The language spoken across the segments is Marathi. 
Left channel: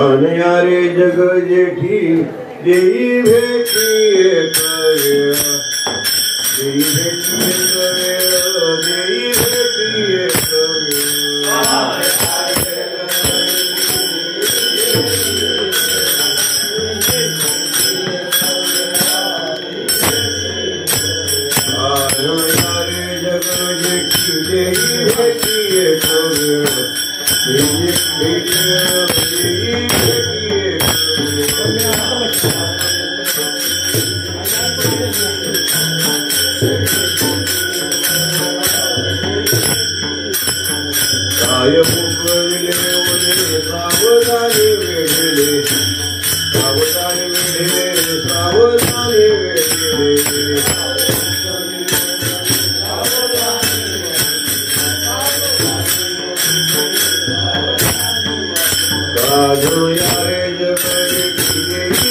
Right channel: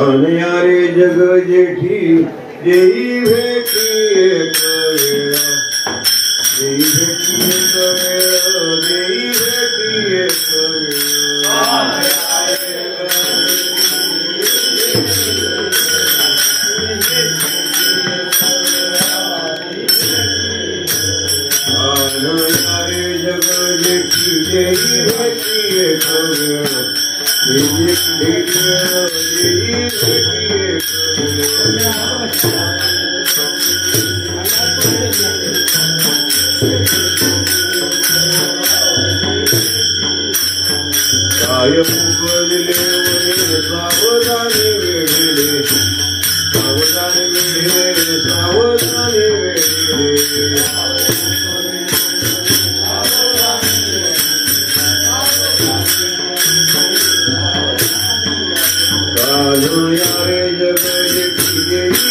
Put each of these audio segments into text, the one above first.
अनयारे जग जेठी जेई भेटी करेला जेई भेटी करेला जेई भेटी करेला अनयारे जग जेठी जेई भेटी करेला जेई भेटी यारे जग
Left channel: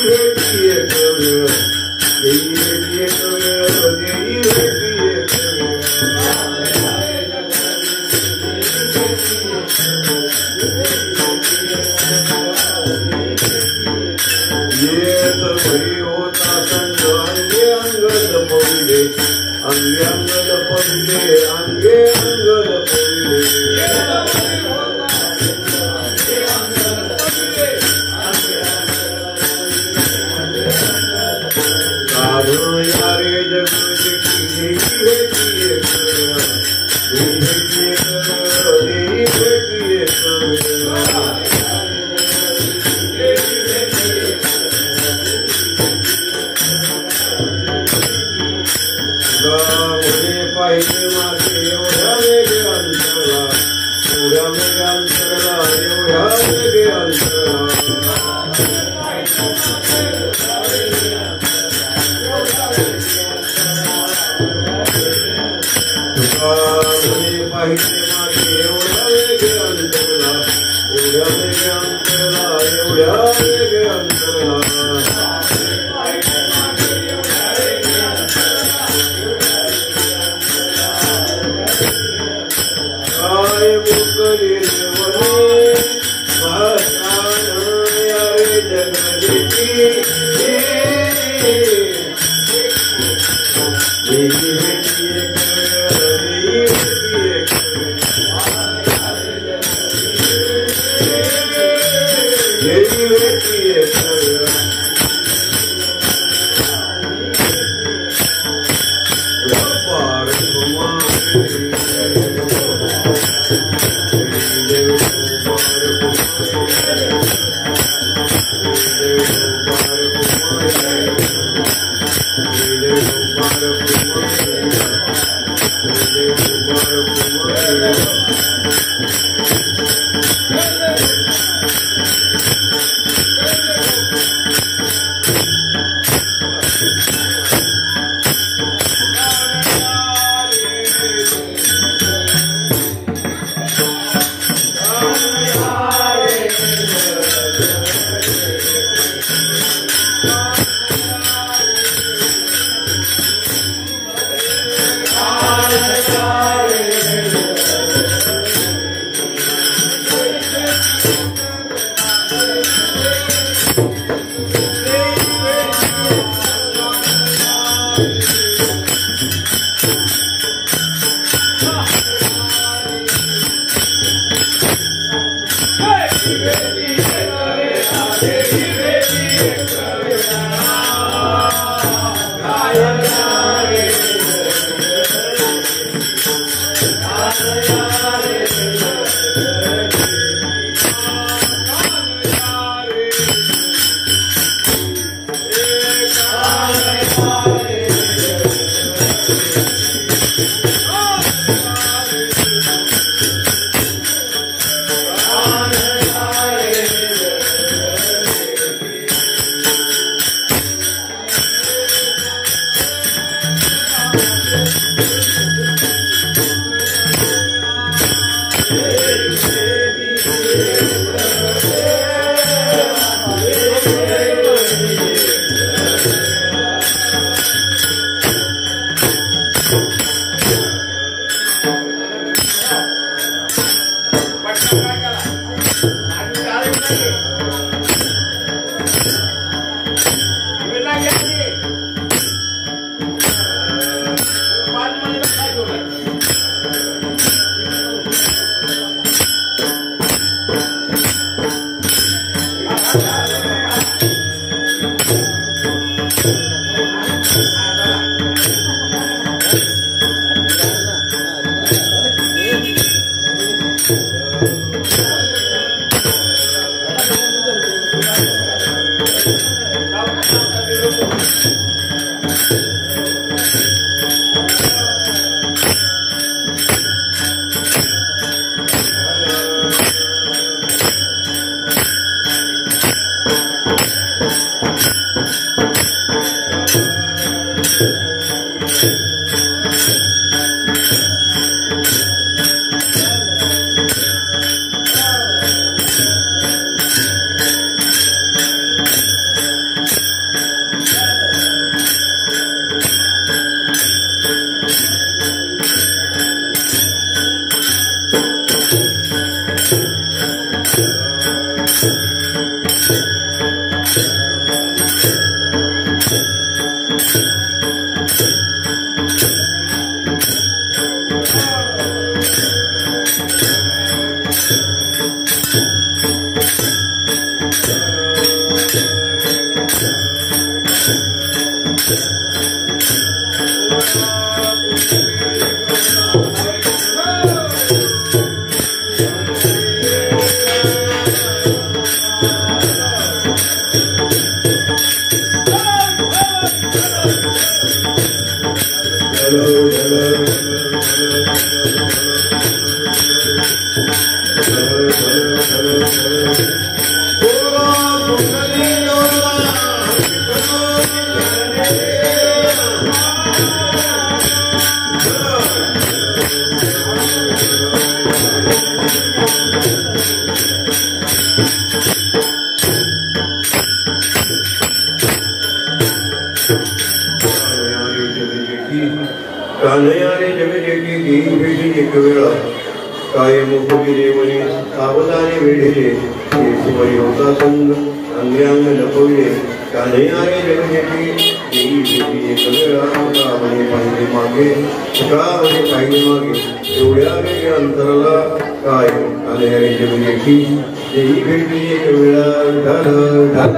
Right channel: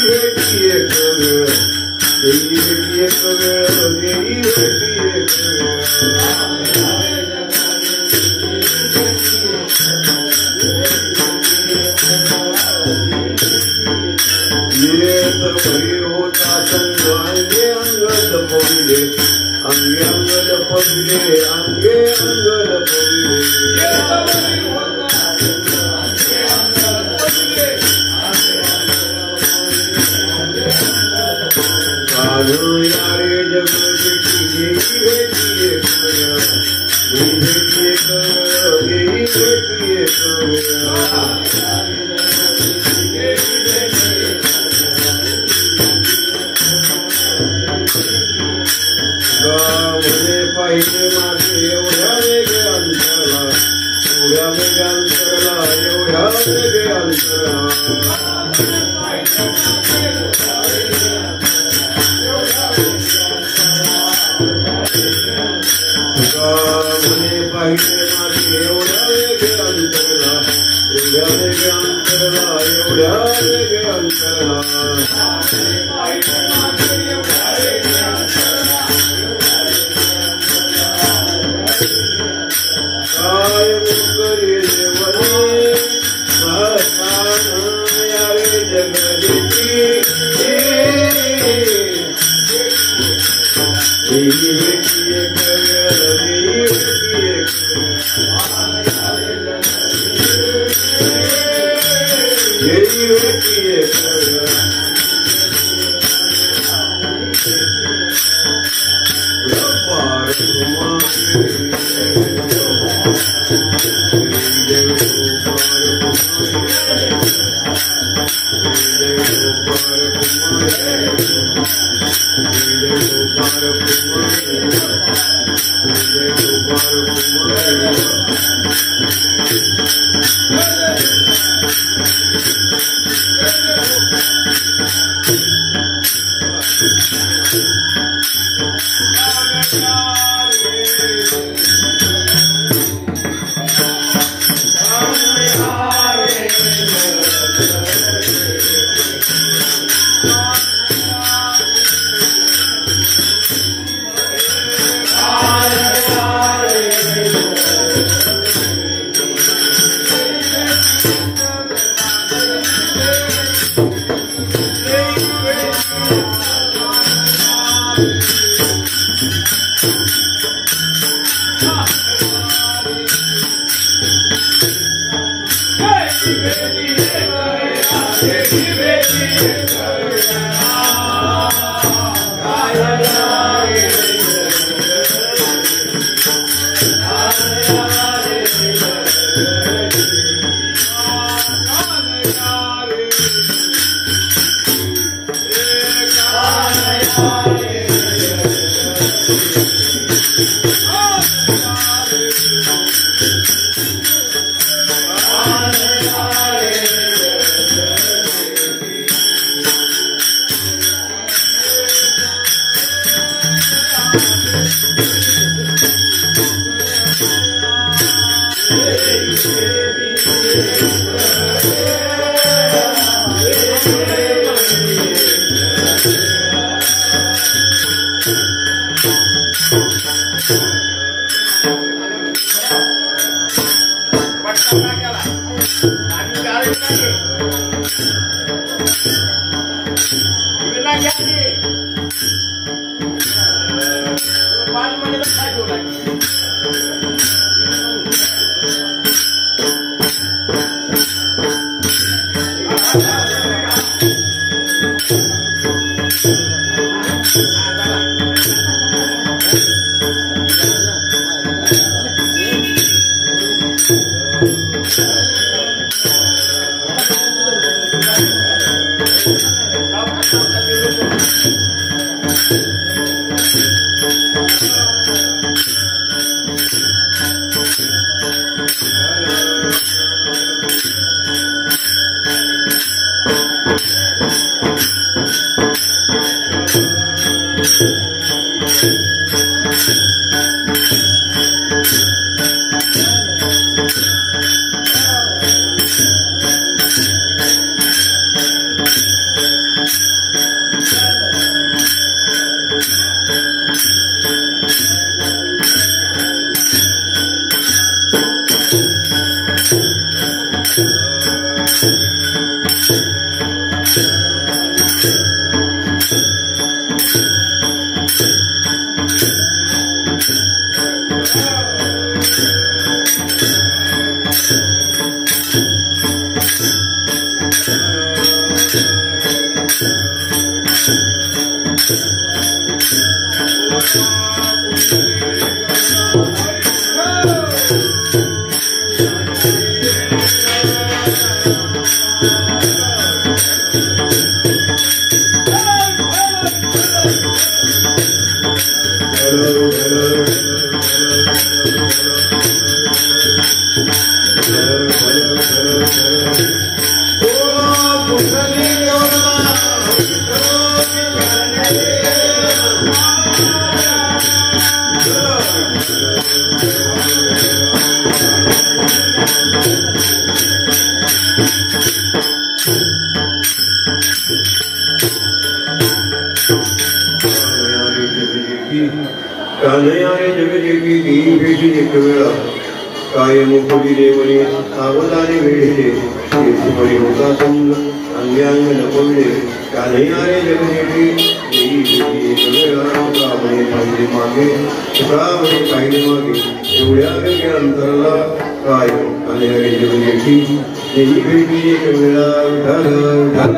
काय मुखी देवणी सावधाने वेढले शिवई होता संग अंग्यांग नकोले कान्हैयाने जगण्याची देवी श्रावणी पाहिजे मागे श्रावणी पाहिजे मागे एवढ्या वेगळ्या अंतराला काय कान्हैयाने जगण्याची देवी भेटली एक वेळा ढाल ढाल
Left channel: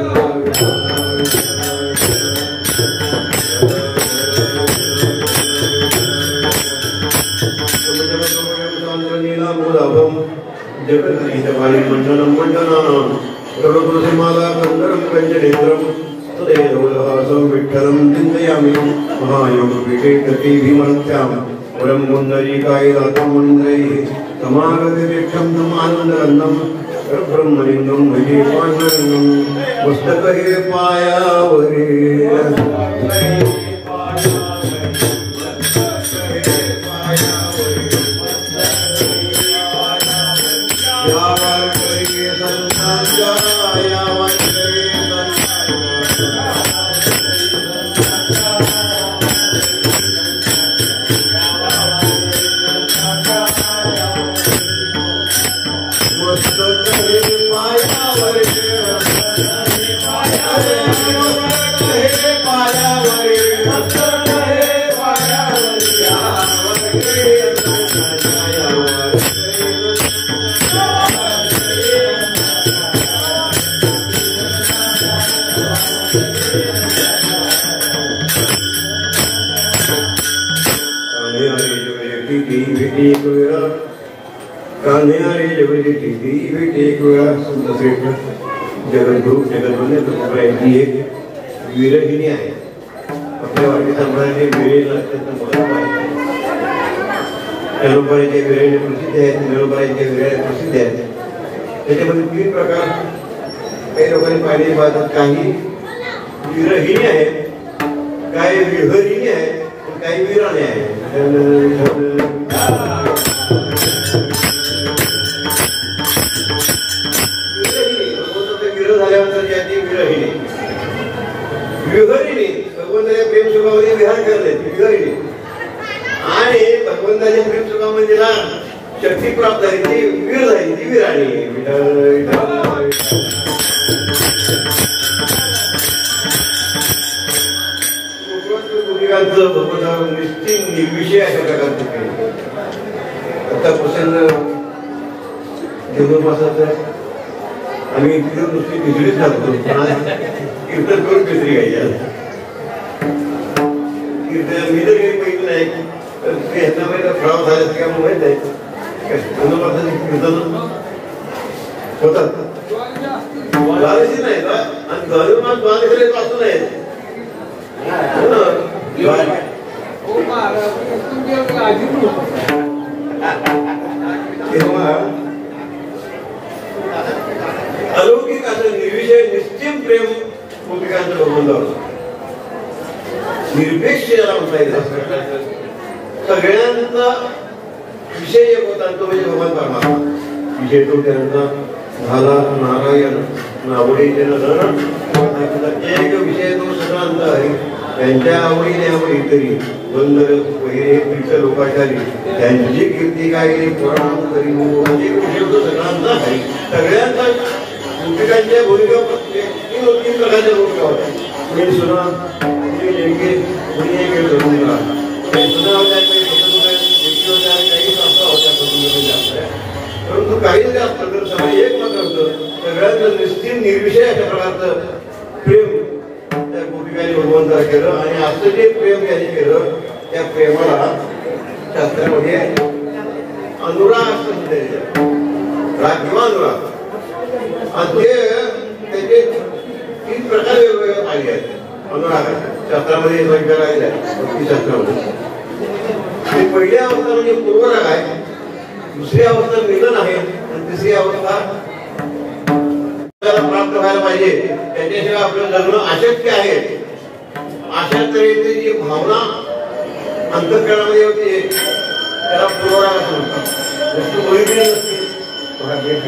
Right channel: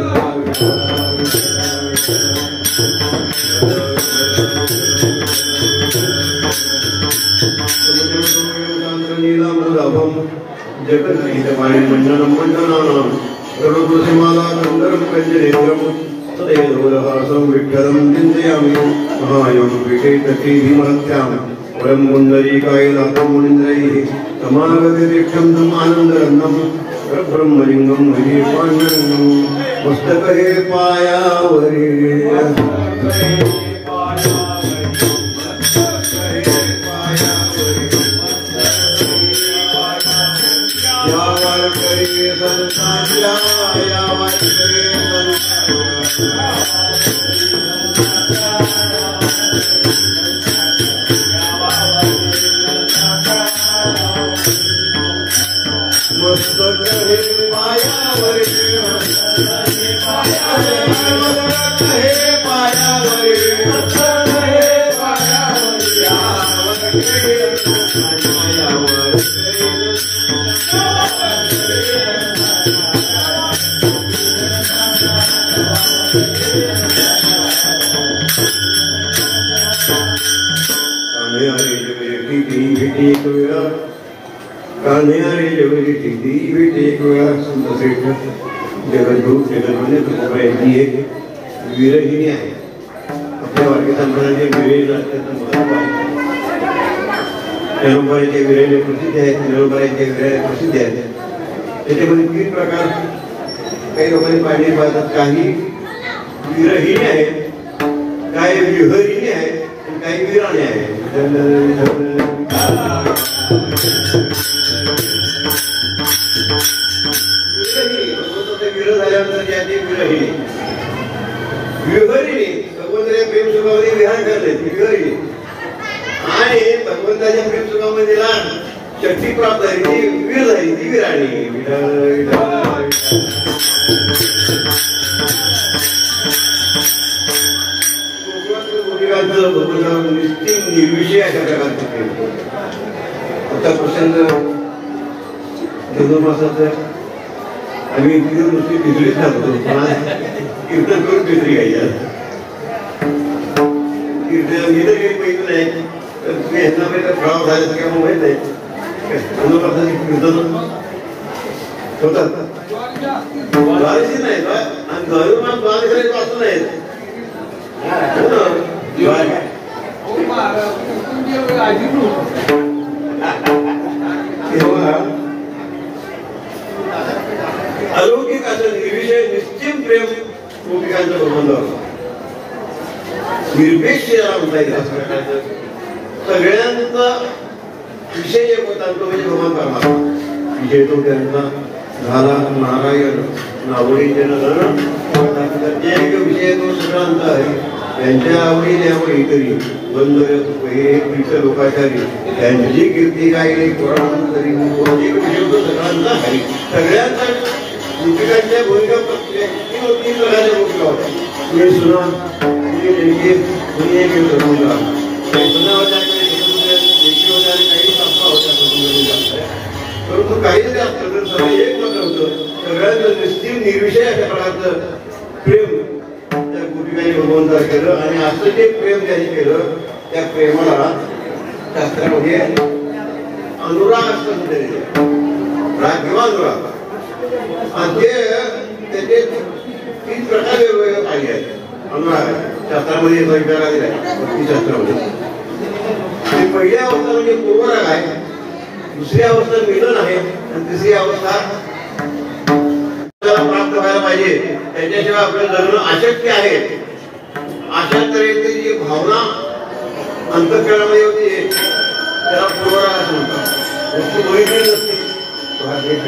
मंडनम मंडनानां सर्वप्रतिमाला कंदरम कंजनेत्रम तदेवलहासं विठ्ठलं चिन्तयामि महायोगपीठे तति भीमहत्यां परं मुण्डरीकायनाथं मुनीन्द्रैः समागतिरिक्षं समानन्दरन्नं ब्रह्मलिङ्गं महे पाण्यं पुस्तके पायावरे जगद्गुरु जगद्गुरु विरहिणी आहे आपल्या वाटकी संप्रदायाचे विरहिणी अत्यंत महत्त्व आहे नळूबाईचे विरहिणी प्रसिद्ध आहेत नळूबाईचे विरहिणी प्रसिद्ध आहेत त्याच्यामध्ये 3 प्रकार काही लोकांनी पाहिलेले पाहतात काही विरहिणी आहेत काही विहरिणी आहेत काही विराणी आहेत विहरिणी भगवंताच्या प्रेम सुखामध्ये विहार करते विहरिणी आणि भगवंताच्या प्रेम सुखामध्ये शक्ती प्राप्त झाली ती वीर झाली ती विराणी भगवंता निश्चित निर्विषय अशा प्रकारचे आता प्रसंग धनुर्मासाचा आम्ही नुसती बिजलीच घालतो कीर्तन करून बिजली घ्यायची कीर्तन मी तर काही माहिती नाही ह्यांना माहिती फ्रॉड झाले किंवा माहित नाही धनुर्मासाचे कीर्तन होतात द्वादशी नाही आणि धनुर्मास द्वादशीला वाचू नाहीत अलौकिक असं निर्विषय निश्चित प्रेम गोपिकांचं भगवंतावर निरपेक्ष याला म्हणता येईल सगळ्यांचा विषय एक होता तो म्हणजे भगवान परमात्मा विषय तो त्यांचा झाला नारायण नावडीचे नजर एक विषय तो सगळ्यांचा आहे त्यांच्या आवडीने आवडी तरी बंद पहिले लोकाचारी त्यांची कीर्ती काय पुराण तरी विषय तो सगळ्यांचा आहे सगळ्यांचा गोपिकांच्या भूमिका 3 प्रकारच्या भूमिका होत्या कुणी सुना कुणी देणगी कुणी एक धर्मला सुना होत्या काही संस्था होत्या परंतु काही जरी असतं सगळं एक मात्र होतं सगळ्यांचं निश्चित निर्विषय अशा प्रकारचं प्रेम त्या गोपिकांनी भगवंता स्वीकार केलं आणि असं जे प्रेम त्यांनी केलं त्या प्रेमाला शास्त्रामध्ये अनुराग असं म्हणतात, राग किंवा अनुराग. आणि ते त्याचे 3 प्रकार वेगवेगळे पाहिले आहेत. अनुराग आहे शास्त्रामध्ये स्वीकार आलेला आहे शास्त्रामध्ये. पहिली अवस्था म्हणजे पूर्वराग आहे, दुसरी अवस्था मिलन आहे आणि तिसरी अवस्था प्राप्त व्हायला पाहिजे त्याच्याशिवाय आपलं लग्न अशक्य आहे. अशा तऱ्हेची जी भावना अंतःकरणामध्ये होती त्याला पूर्वराग असं म्हणतात. त्याची ओळखी नसती,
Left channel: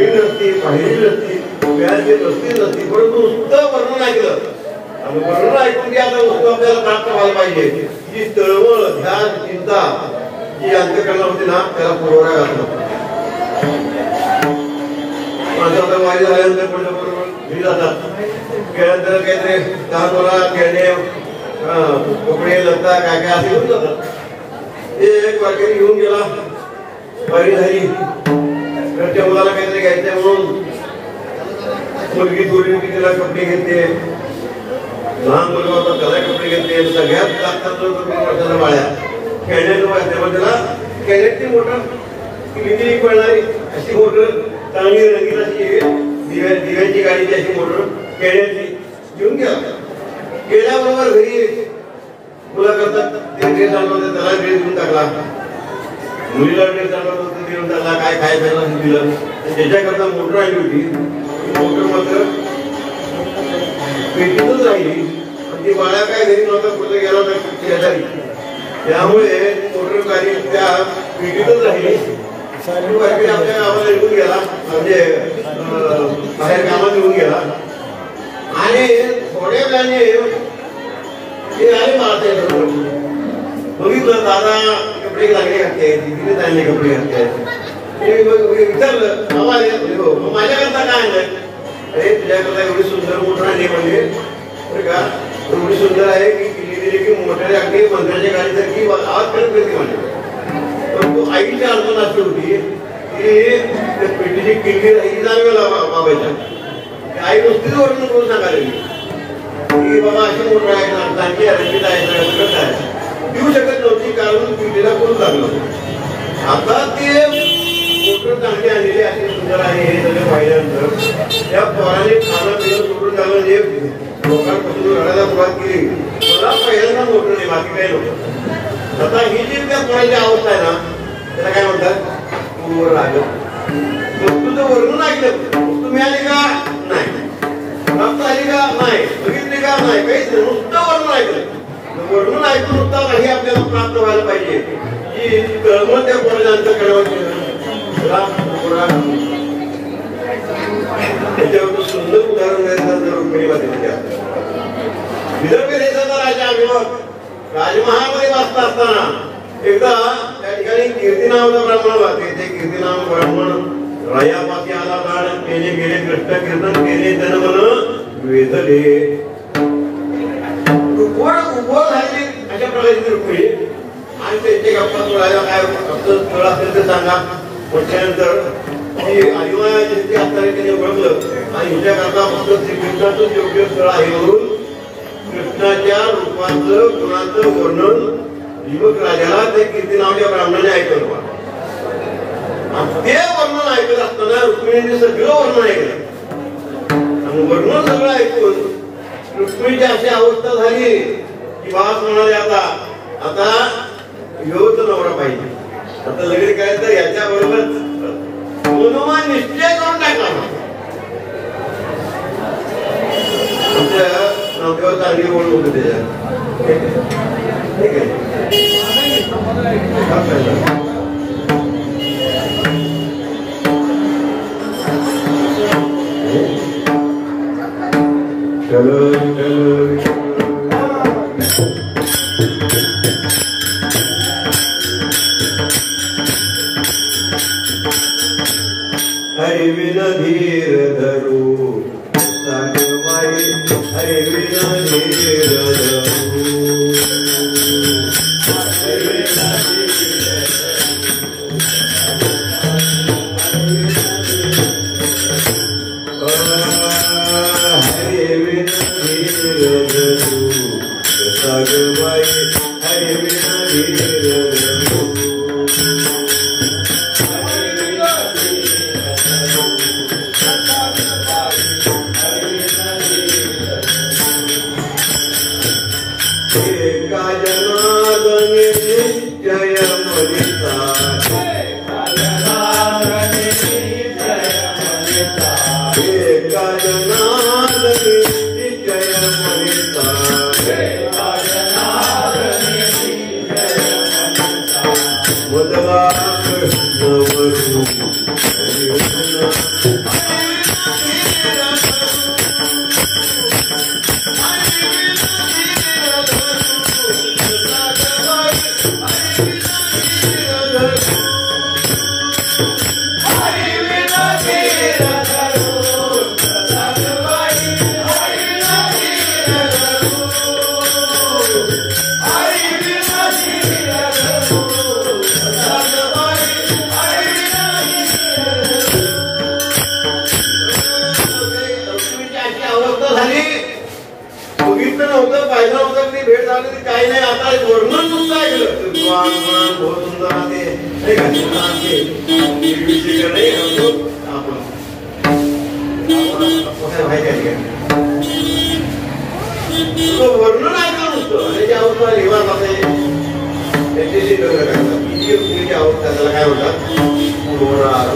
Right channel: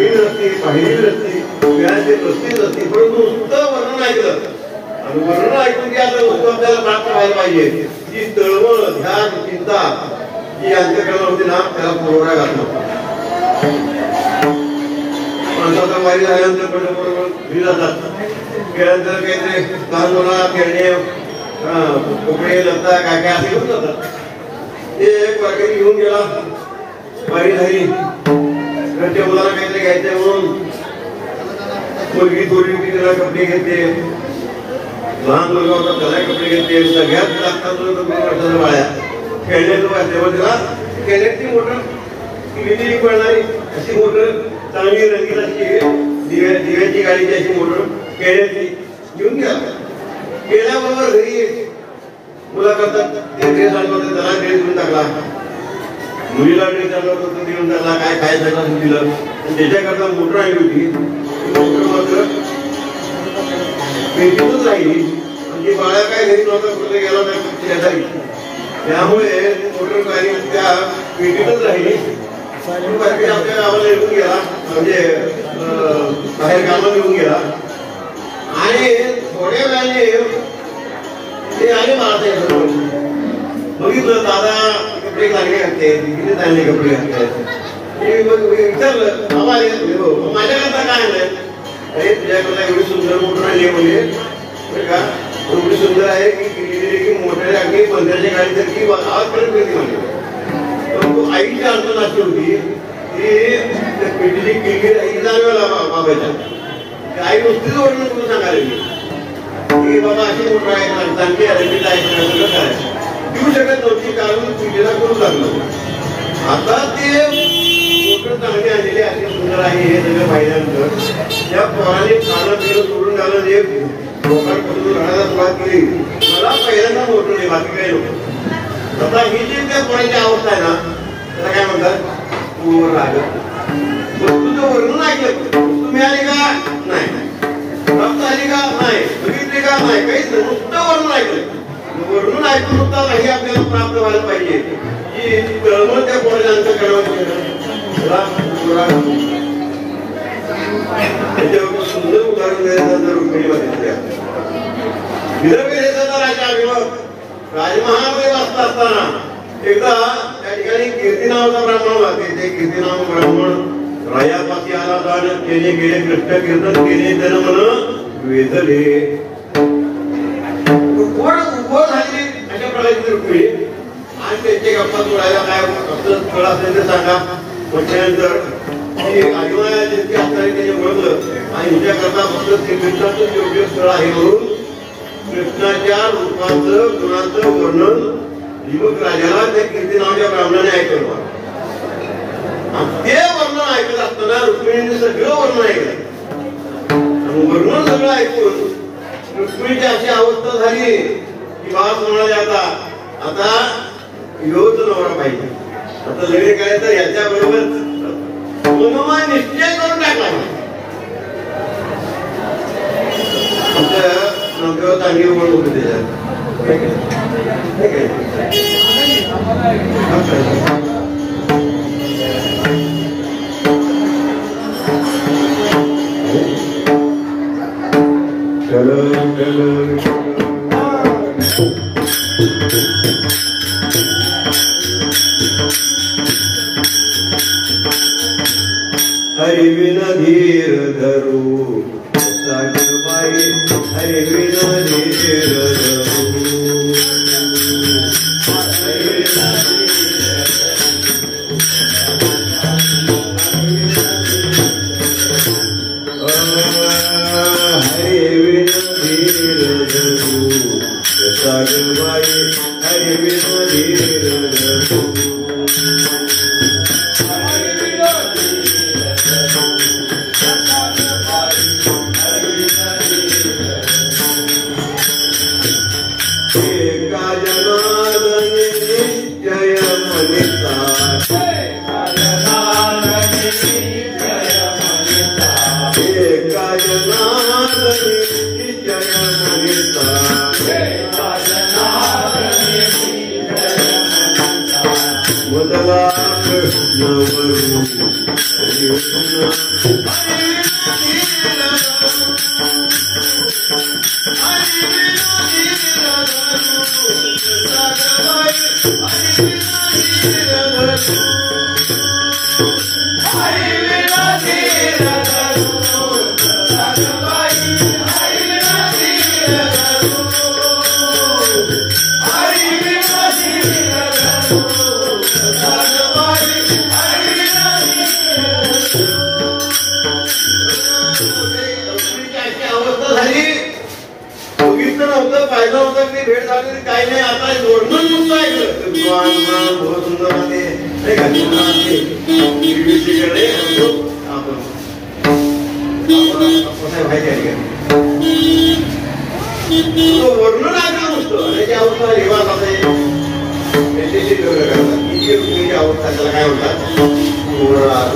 नसती, पाहिली नसती, व्याजची नसती नसती, परंतु नुसतं वर्णन ऐकलं आणि वर्णन ऐकून ती आता वस्तू आपल्याला प्राप्त व्हायला पाहिजे. जी तळमळ, ध्यान, चिंता जी अंतःकरणात होती ना त्याला पूर्वराग असं. माणसाला वारी झाल्यानंतर पंढरपूर जातात, गेल्यानंतर काहीतरी लहान मुला खेळणे, कपडे, लता काय काय असे घेऊन जातात. ते एक वारकरी घेऊन गेला, वारी झाली, घरच्या मुलाला काहीतरी घ्यायचंय म्हणून मुलगी थोडी तिला कपडे घेते, लहान मुलगा होता त्याला कपडे घेते. सगळ्यात लागतात वर्षाच्या बाळ्या खेळण्याचं वाजते, मग त्याला खेळण्याची मोटर किती पडणारी अशी मोटर चांगली रंगीत अशी दिव्यांची गाडीची अशी मोटर खेळण्याची घेऊन गेला. गेल्याबरोबर घरी मुला करतात ते ड्रेस आणतो, त्याला ड्रेस घेऊन टाकला, मुलीला ड्रेस आणला तो देऊन टाकला, काय खायचं दिलं. ज्याच्याकरता मोटर आणली होती मोटर मात्र पेटीतच राहिली. म्हणजे बाळा काय घरी नव्हता, कुठे गेला नाही शेजारी, त्यामुळे मोटर गाडी त्या पेटीतच राहिली. आपल्या गावाला निघून गेला, म्हणजे बाहेर कामाला निघून गेला आणि थोड्या वेळाने ते आले मला बघितलं दादा कपडे लागले घालते, तिथे चांगले कपडे घालते. विचारलं आम्हाला माझ्याकरता काय आणलंय? अरे तुझ्याकरता एवढी सुंदर मोटर आणली म्हणजे का एवढी सुंदर आहे की किती की मोठ्या अगदी 15च्या गाडीसारखी आवाज करत होती म्हणजे. पण तू आईची अडचण अशी होती की पेटीची किल्ली आई जाणवेला मागायच्या. आई नुसतीच वर्णन करून सांगायला की बाबा अशी मोटर आहे, चांगली रंगीत आहे, काय देऊ शकत नव्हती कारण पिढीला करून लागलं. आता ते मोटर चांगली आणलेली अशी सुंदर आहे हे सगळं पाहिल्यानंतर त्या पोराने खाणं पिणं सोडून टाकलं, जे लोकांपासून रडायला सुरुवात केली. मला पहिल्यांदा मोटर नाही, बाकी काही नव्हतं. आता ही जी त्या पोरांची अवस्था आहे ना त्याला काय म्हणतात पूर्वराग. वस्तूचं वर्णन ऐकलं, वस्तू मिळाली का नाही, प्राप्त झाली का नाही, बघितली का नाही, काहीच नाही, नुसतं वर्णन ऐकलं. वर्णन ऐकून नुसता नाही आपल्याला प्राप्त व्हायला पाहिजे की तळमळ त्या पोराच्या अंतःकरणामध्ये. त्याच्यावर सुंदर उदाहरण द्यायचं रुक्मिणीमध्ये विदर्भ देशाचा राजा अभिमक राजमहामध्ये वाचत असताना एकदा त्या ठिकाणी कीर्ती नावाचा ब्राह्मण वाचते. ते कीर्ती नाव ब्राह्मण रायापाशी आला प्राण केले गेले कृष्ण कीर्तन केले जन्मन वेधले. अशा प्रकारची रुक्मिणी आणि त्यांचे गप्पा जोडायला काय स्थळ असेल ते सांगा. म्हटल्यानंतर आदिमायाची असताना त्याने ओळखलं आणि हिच्याकरता फक्त श्रीकृष्णाचं योग्य स्थळ आहे म्हणून कृष्णाच्या रूपाचं गुणाचं वर्णन युवक राजाला ते कीर्ती नावाच्या ब्राह्मणाने ऐकलं. ते वर्णन ऐकत असताना रुक्मिणीने सगळं वर्णन ऐकलं आणि वर्णन सगळं ऐकून रुक्मिणीची अशी अवस्था झाली की बास म्हणाले आता योच नवरा पाहिजे, आता लग्न करायचं तर याच्या बरोबर मनोमन निश्चय करून टाकला. आमच्या नवऱ्यावर चांगली ओळख होती त्याच्यात. ठीक आहे हरिविन धीर धरू सागवाई हरिविन धीर धरू भेट झाली काही नाही. आता वर्णन नुसतं ऐकलं बहुत सुंदर वर्णन ऐकलं नुसतं आणि त्या अवस्था निवास असे त्यांच्याशी लग्न करतात. रुक्मिणीची अवस्था त्याला काय म्हणतात पूर्वराग.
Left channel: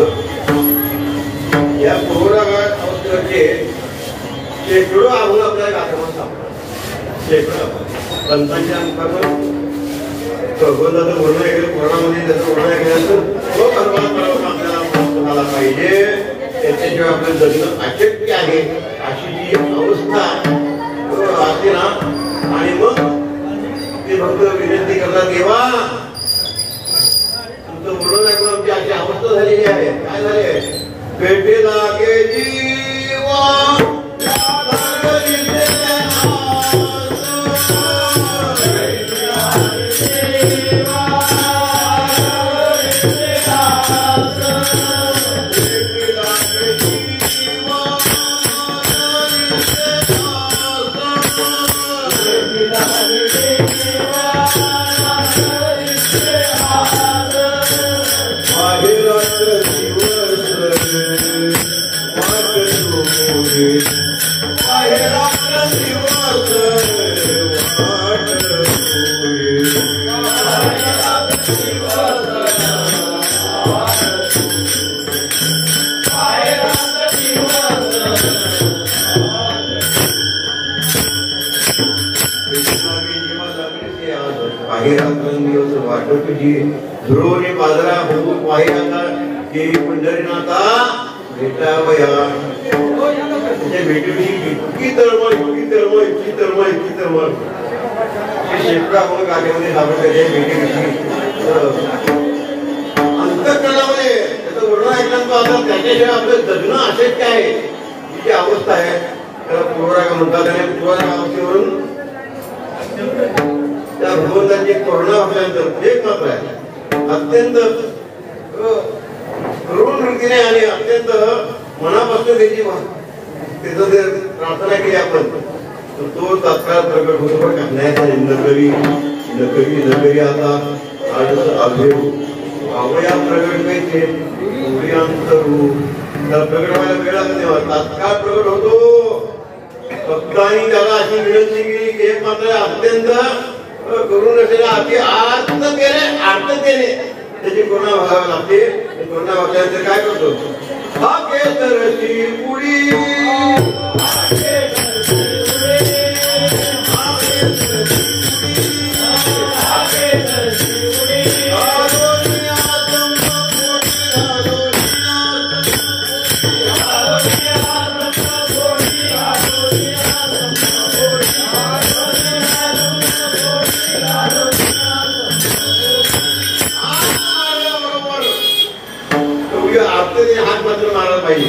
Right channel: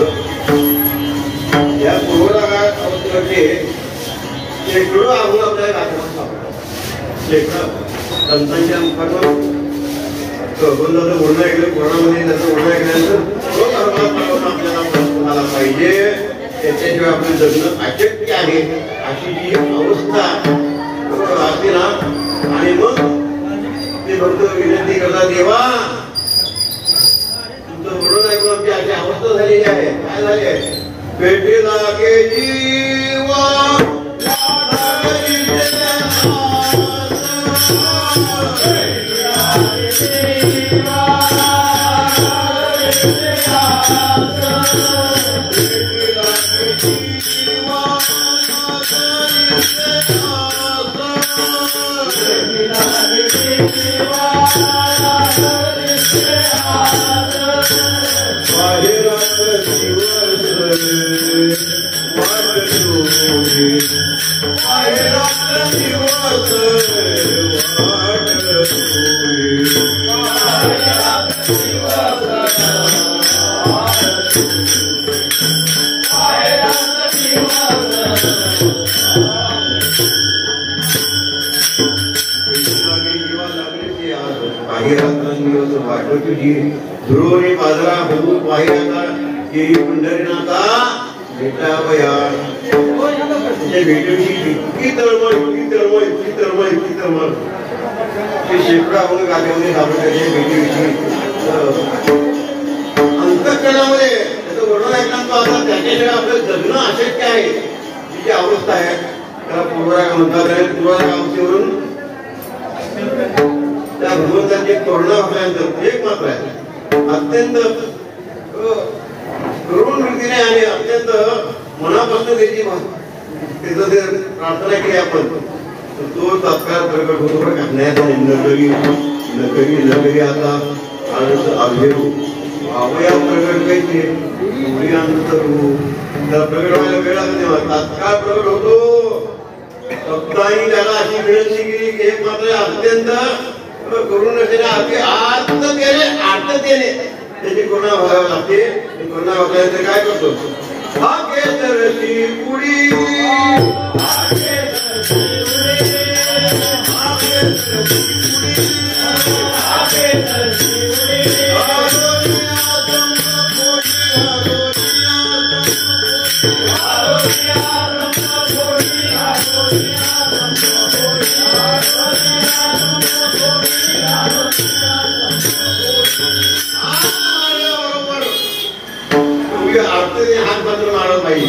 या पूर्वराग अवस्थेमध्ये शेकडो आव्हान आपल्याला दाखवण्यात सापडतात. शेकडो पंतांच्या मुखातून प्रबंधाचं वर्णन ऐकलं, पुराणामध्ये त्याचं वर्णन ऐकल्यानंतर आपल्याला पाहिजे. त्याच्याशिवाय आपलं जगणं अशक्य आहे अशी जी अवस्था असते ना. आणि मग ते भक्त विनंती करतात, देवा तुमचं वर्णन ऐकून आमची अशी अवस्था झालेली आहे. काय झाली आहे? पेटे लागे जीवा ध्रुवने बाजरा होऊन पाहिला की पंढरीनाथा भेटावया. त्याच्या भेटीविषयी इतकी तळमळ इतकी तळमळ इतकी तळमळ इतकी तळमळ ते शेकडा मग गादीमध्ये सापडले. भेटीविषयी अंतःकरणामध्ये त्याचं वर्णन ऐकल्यानंतर आता त्याच्याशिवाय आपलं जगणं अशक्य आहे तिची अवस्था आहे. त्याला पूर्वराग म्हणतात. आणि पूर्वराग अवस्थेवरून त्या भगवंताची करुणा आपल्यानंतर एक मात्र आहे अत्यंत करुण वृत्तीने आणि अत्यंत मनापासून त्याची त्याचं ते प्रार्थना केली आपण तो तत्काळ प्रकट होतो. नकरी नकरी नकरी आता अवया प्रकट कैसे प्रकट व्हायला वेळ लागते तेव्हा तात्काळ प्रकट होतो. भक्तांनी त्याला अशी विनंती केली की एक मात्र अत्यंत करुण असलेल्या अति आर्ततेने त्याची करुणा व्हावी लागते. करुणा वागल्यानंतर काय करतो? हा केसरची पुडी हात मात्र मारला पाहिजे.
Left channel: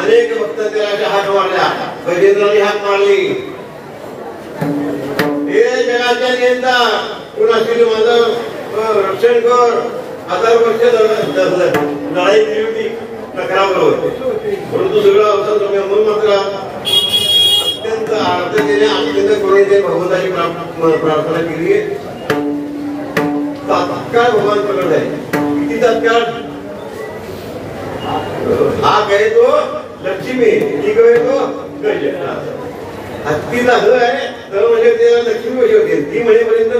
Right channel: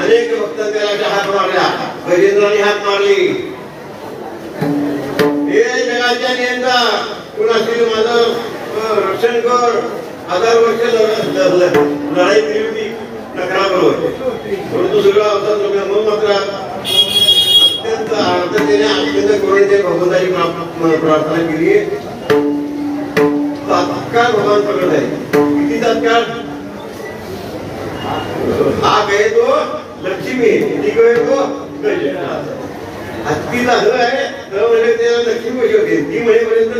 अनेक भक्त त्याला हात मारल्या. बैरेंद्राने हात मारली. हे जगाच्या नियंता कुणाशी माझं रक्षण कर. 1000 वर्ष लढाई दिली होती नकराबरोबर परंतु सगळा होता. मग मात्र अत्यंत अडचणीने अत्यंत करून अवस्थेमध्ये भगवंताची प्रार्थना केली, तात्काळ भगवान प्रकट झाले. किती तात्काळ? हा कहे तो लक्ष्मी, ती कहे तो गज. हत्तीला ह आहे, ह म्हणजे त्याला लक्ष्मी कशी होते, ती म्हणेपर्यंत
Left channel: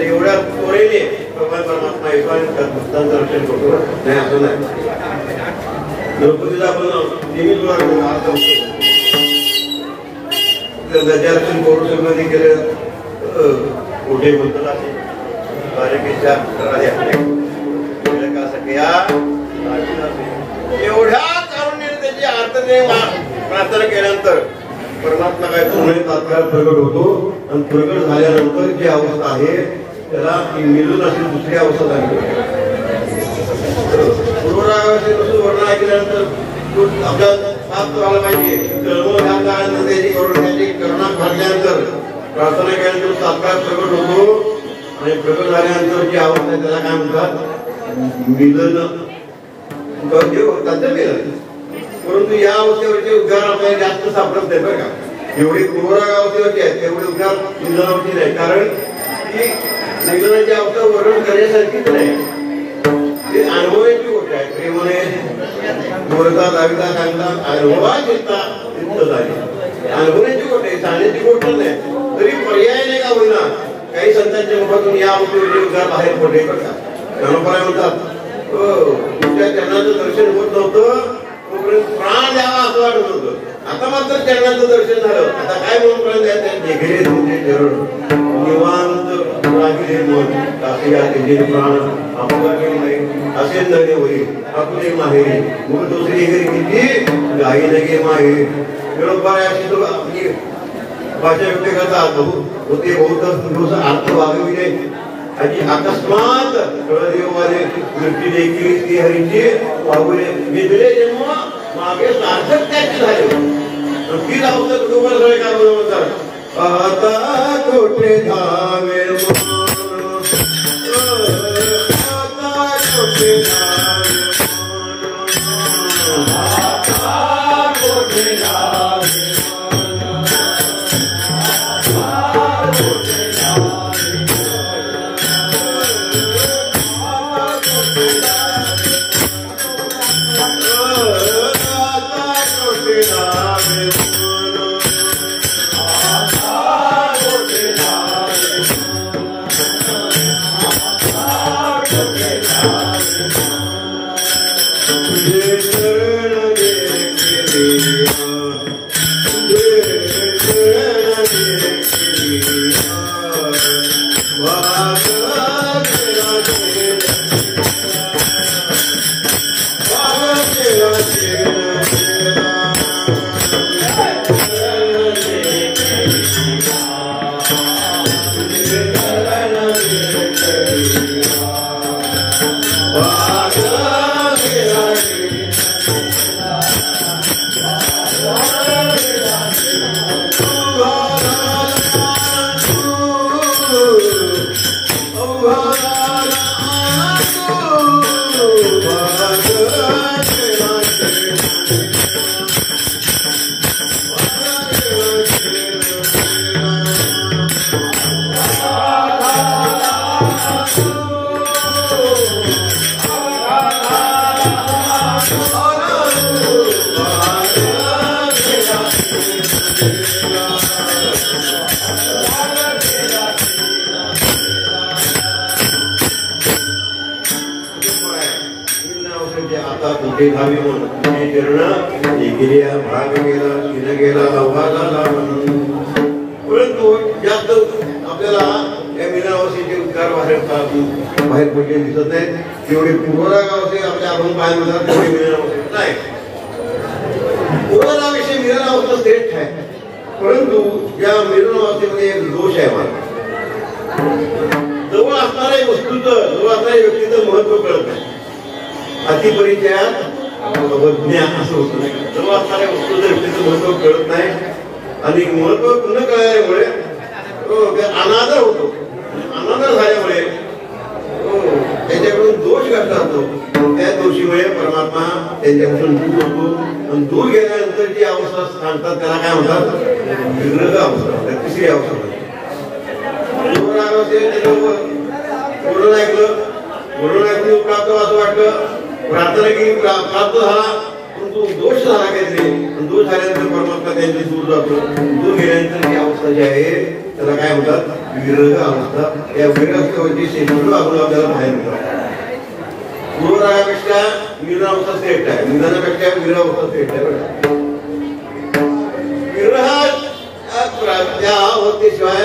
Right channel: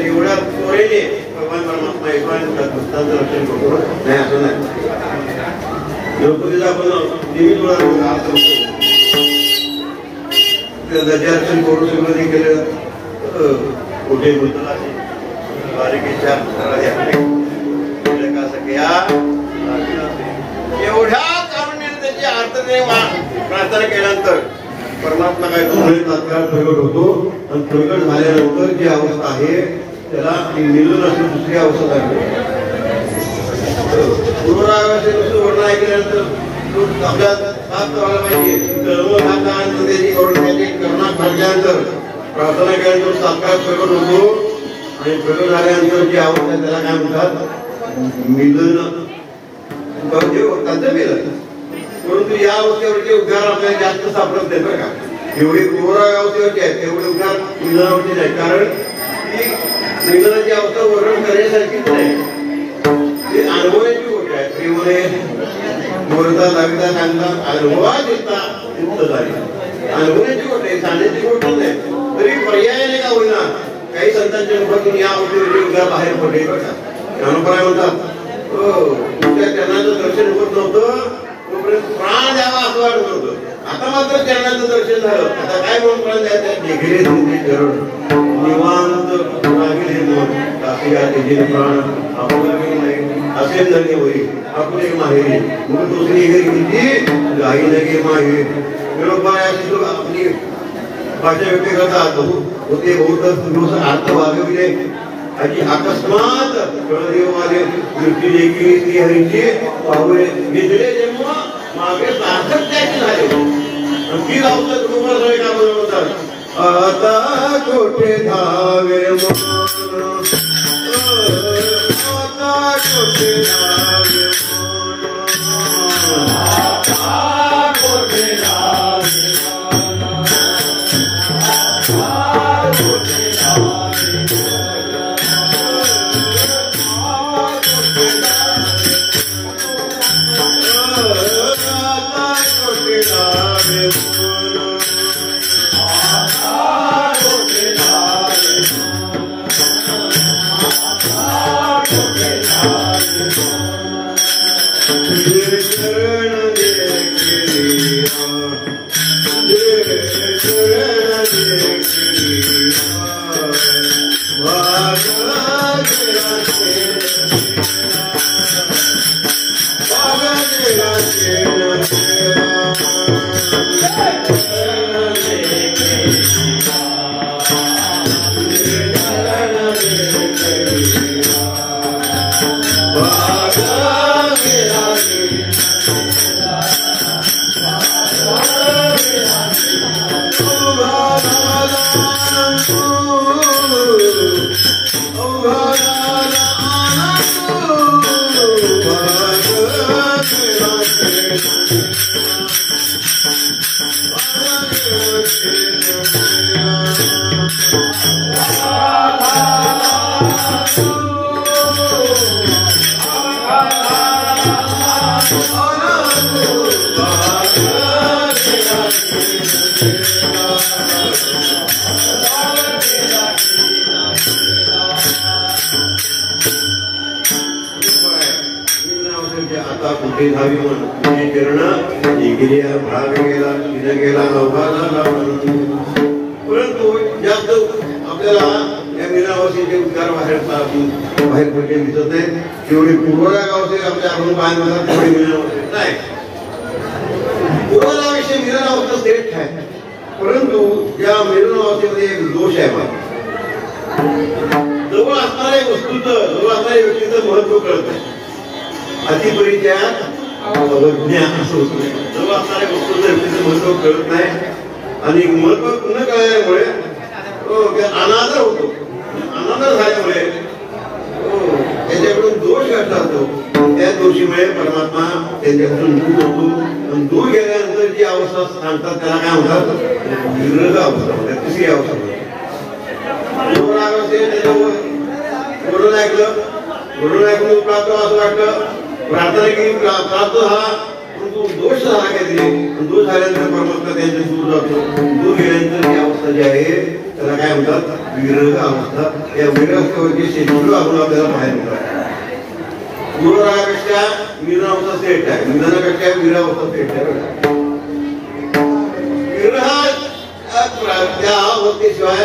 एवढ्या त्वरेने भगवान परमात्मा येतो आणि भक्तांचं रक्षण करतो. नाही असं नाही. द्रौपदीला आपण नेहमी अर्थ दर्शन करू शकत केलं. कुठे बोलतो बारीकेच्या एवढ्या कारुण्याने त्याची आर्तने प्रार्थना केल्यानंतर परमात्मा काय दोन्ही तात्काळ प्रगट होतो. आणि प्रगट झाल्यानंतर जी अवस्था आहे त्याला मिळून अशी दुसरी अवस्था झाली. वर्ण ऐकल्यानंतर आपल्या पाप करायला पाहिजे. त्याची करुणा भरल्यानंतर प्रार्थना केल्यानंतर तात्काळ प्रगट होतो. आणि प्रगट झाल्यानंतर जी अवस्था त्याला काय म्हणतात? मिलन. भक्तांचं मिलन. परंतु या अवस्थेवरचे उद्गार आपल्याला जास्त सापडत नाही बरं का. एवढी क्रूर अवस्थेवरची आहेत तेवढे उद्गार मिलनावरती नाही. कारण ती मिलनाची अवस्था वर्णन करण्यासारखीच नाही. ते अनुभवाची गोष्ट आहे. प्रेमाने बोलता लागता सांगता अनुभवा चिंता झाली. अनुभवाची गोष्ट आहे, सांगण्याची गोष्ट नाही. तरी पर्यायाने का होईना काही संतांच्या मुखातून या अवस्थेवरचे उद्गार बाहेर पडले बरं का. ज्ञानोबराय म्हणतात तुमच्या चरणाचं दर्शन होत नव्हतं तोपर्यंत प्राण द्यावा असं वाटत होतं. आता मात्र चरणाचं दर्शन झालं. आता काय म्हणून प्राण द्यायचं? निघले तुमचे चरण निवांत लागले मन तासी प्राण आपला असे नगे होई आपले माहेरी मग दुसरी घरी किती गाई नगे माहेरी. बरोबर अशी आपली भाषा व्यक्त करतात. होते बहुत अर्थ भागविले आणि अकस्मात कळदेवाने दृष्टी देखील ती हरीची पाहुले घेतले जन्म मागे सार्थक त्याची झाले. ती लावतात गोबर सगळे काय बोलतात आता कोठे धावे आता कोठे धावे आता कोठे धावे परंतु जास्त आपल्याला या मीनावासीचे उद्गार बाहेर पडले दिसत नाही. तेवढे पूर्वरा गावचे आपल्या आपण पाहिजे तेवढे मीनावासी नाही. पूर्वराविषयी मीनावस्था श्रेष्ठ आहे. परंतु या मीनावस्थेमध्ये एक दोष आहे. मला जवळ असणाऱ्या वस्तूचं जवळ असणाऱ्या व्यक्तीचं महत्व कळत नाही. अतिपरिचयात ज्ञान असं होत नाही. जवळ असणाऱ्या वस्तूचं व्यक्तीचं महत्व कळत नाही. आणि महत्व न कळल्यामुळे अनादर होतो. अनादर झाल्यामुळे त्यांच्याकडून दोष घडला होतो. त्या दोषीमुळे परमात्मा त्यांच्याकडून दूर होतो. दूर गेल्यानंतर जी अवस्था सांगतात त्याला काय म्हणतात? विग्रह अवस्था. तिसरी अवस्था घडून ऐकून प्राप्त असं वाटलं, प्रार्थना केली, प्राप्त झाला, परंतु दोष झाला काहीतरी. दोष झाल्यानंतर परमात्मा त्यांच्या दूर जातो. दूर गेल्यानंतर ही अवस्था जी आहे त्याला काय म्हणतात, विरह अवस्था. या विरहाची शेकडो आपल्याला बाहेर मिळतात. पूर्वरागापेक्षा विरहावस्था श्रेष्ठ आहे, निधनापेक्षा विरहावस्था श्रेष्ठ आहे. विरह त्या अवस्थेशिवाय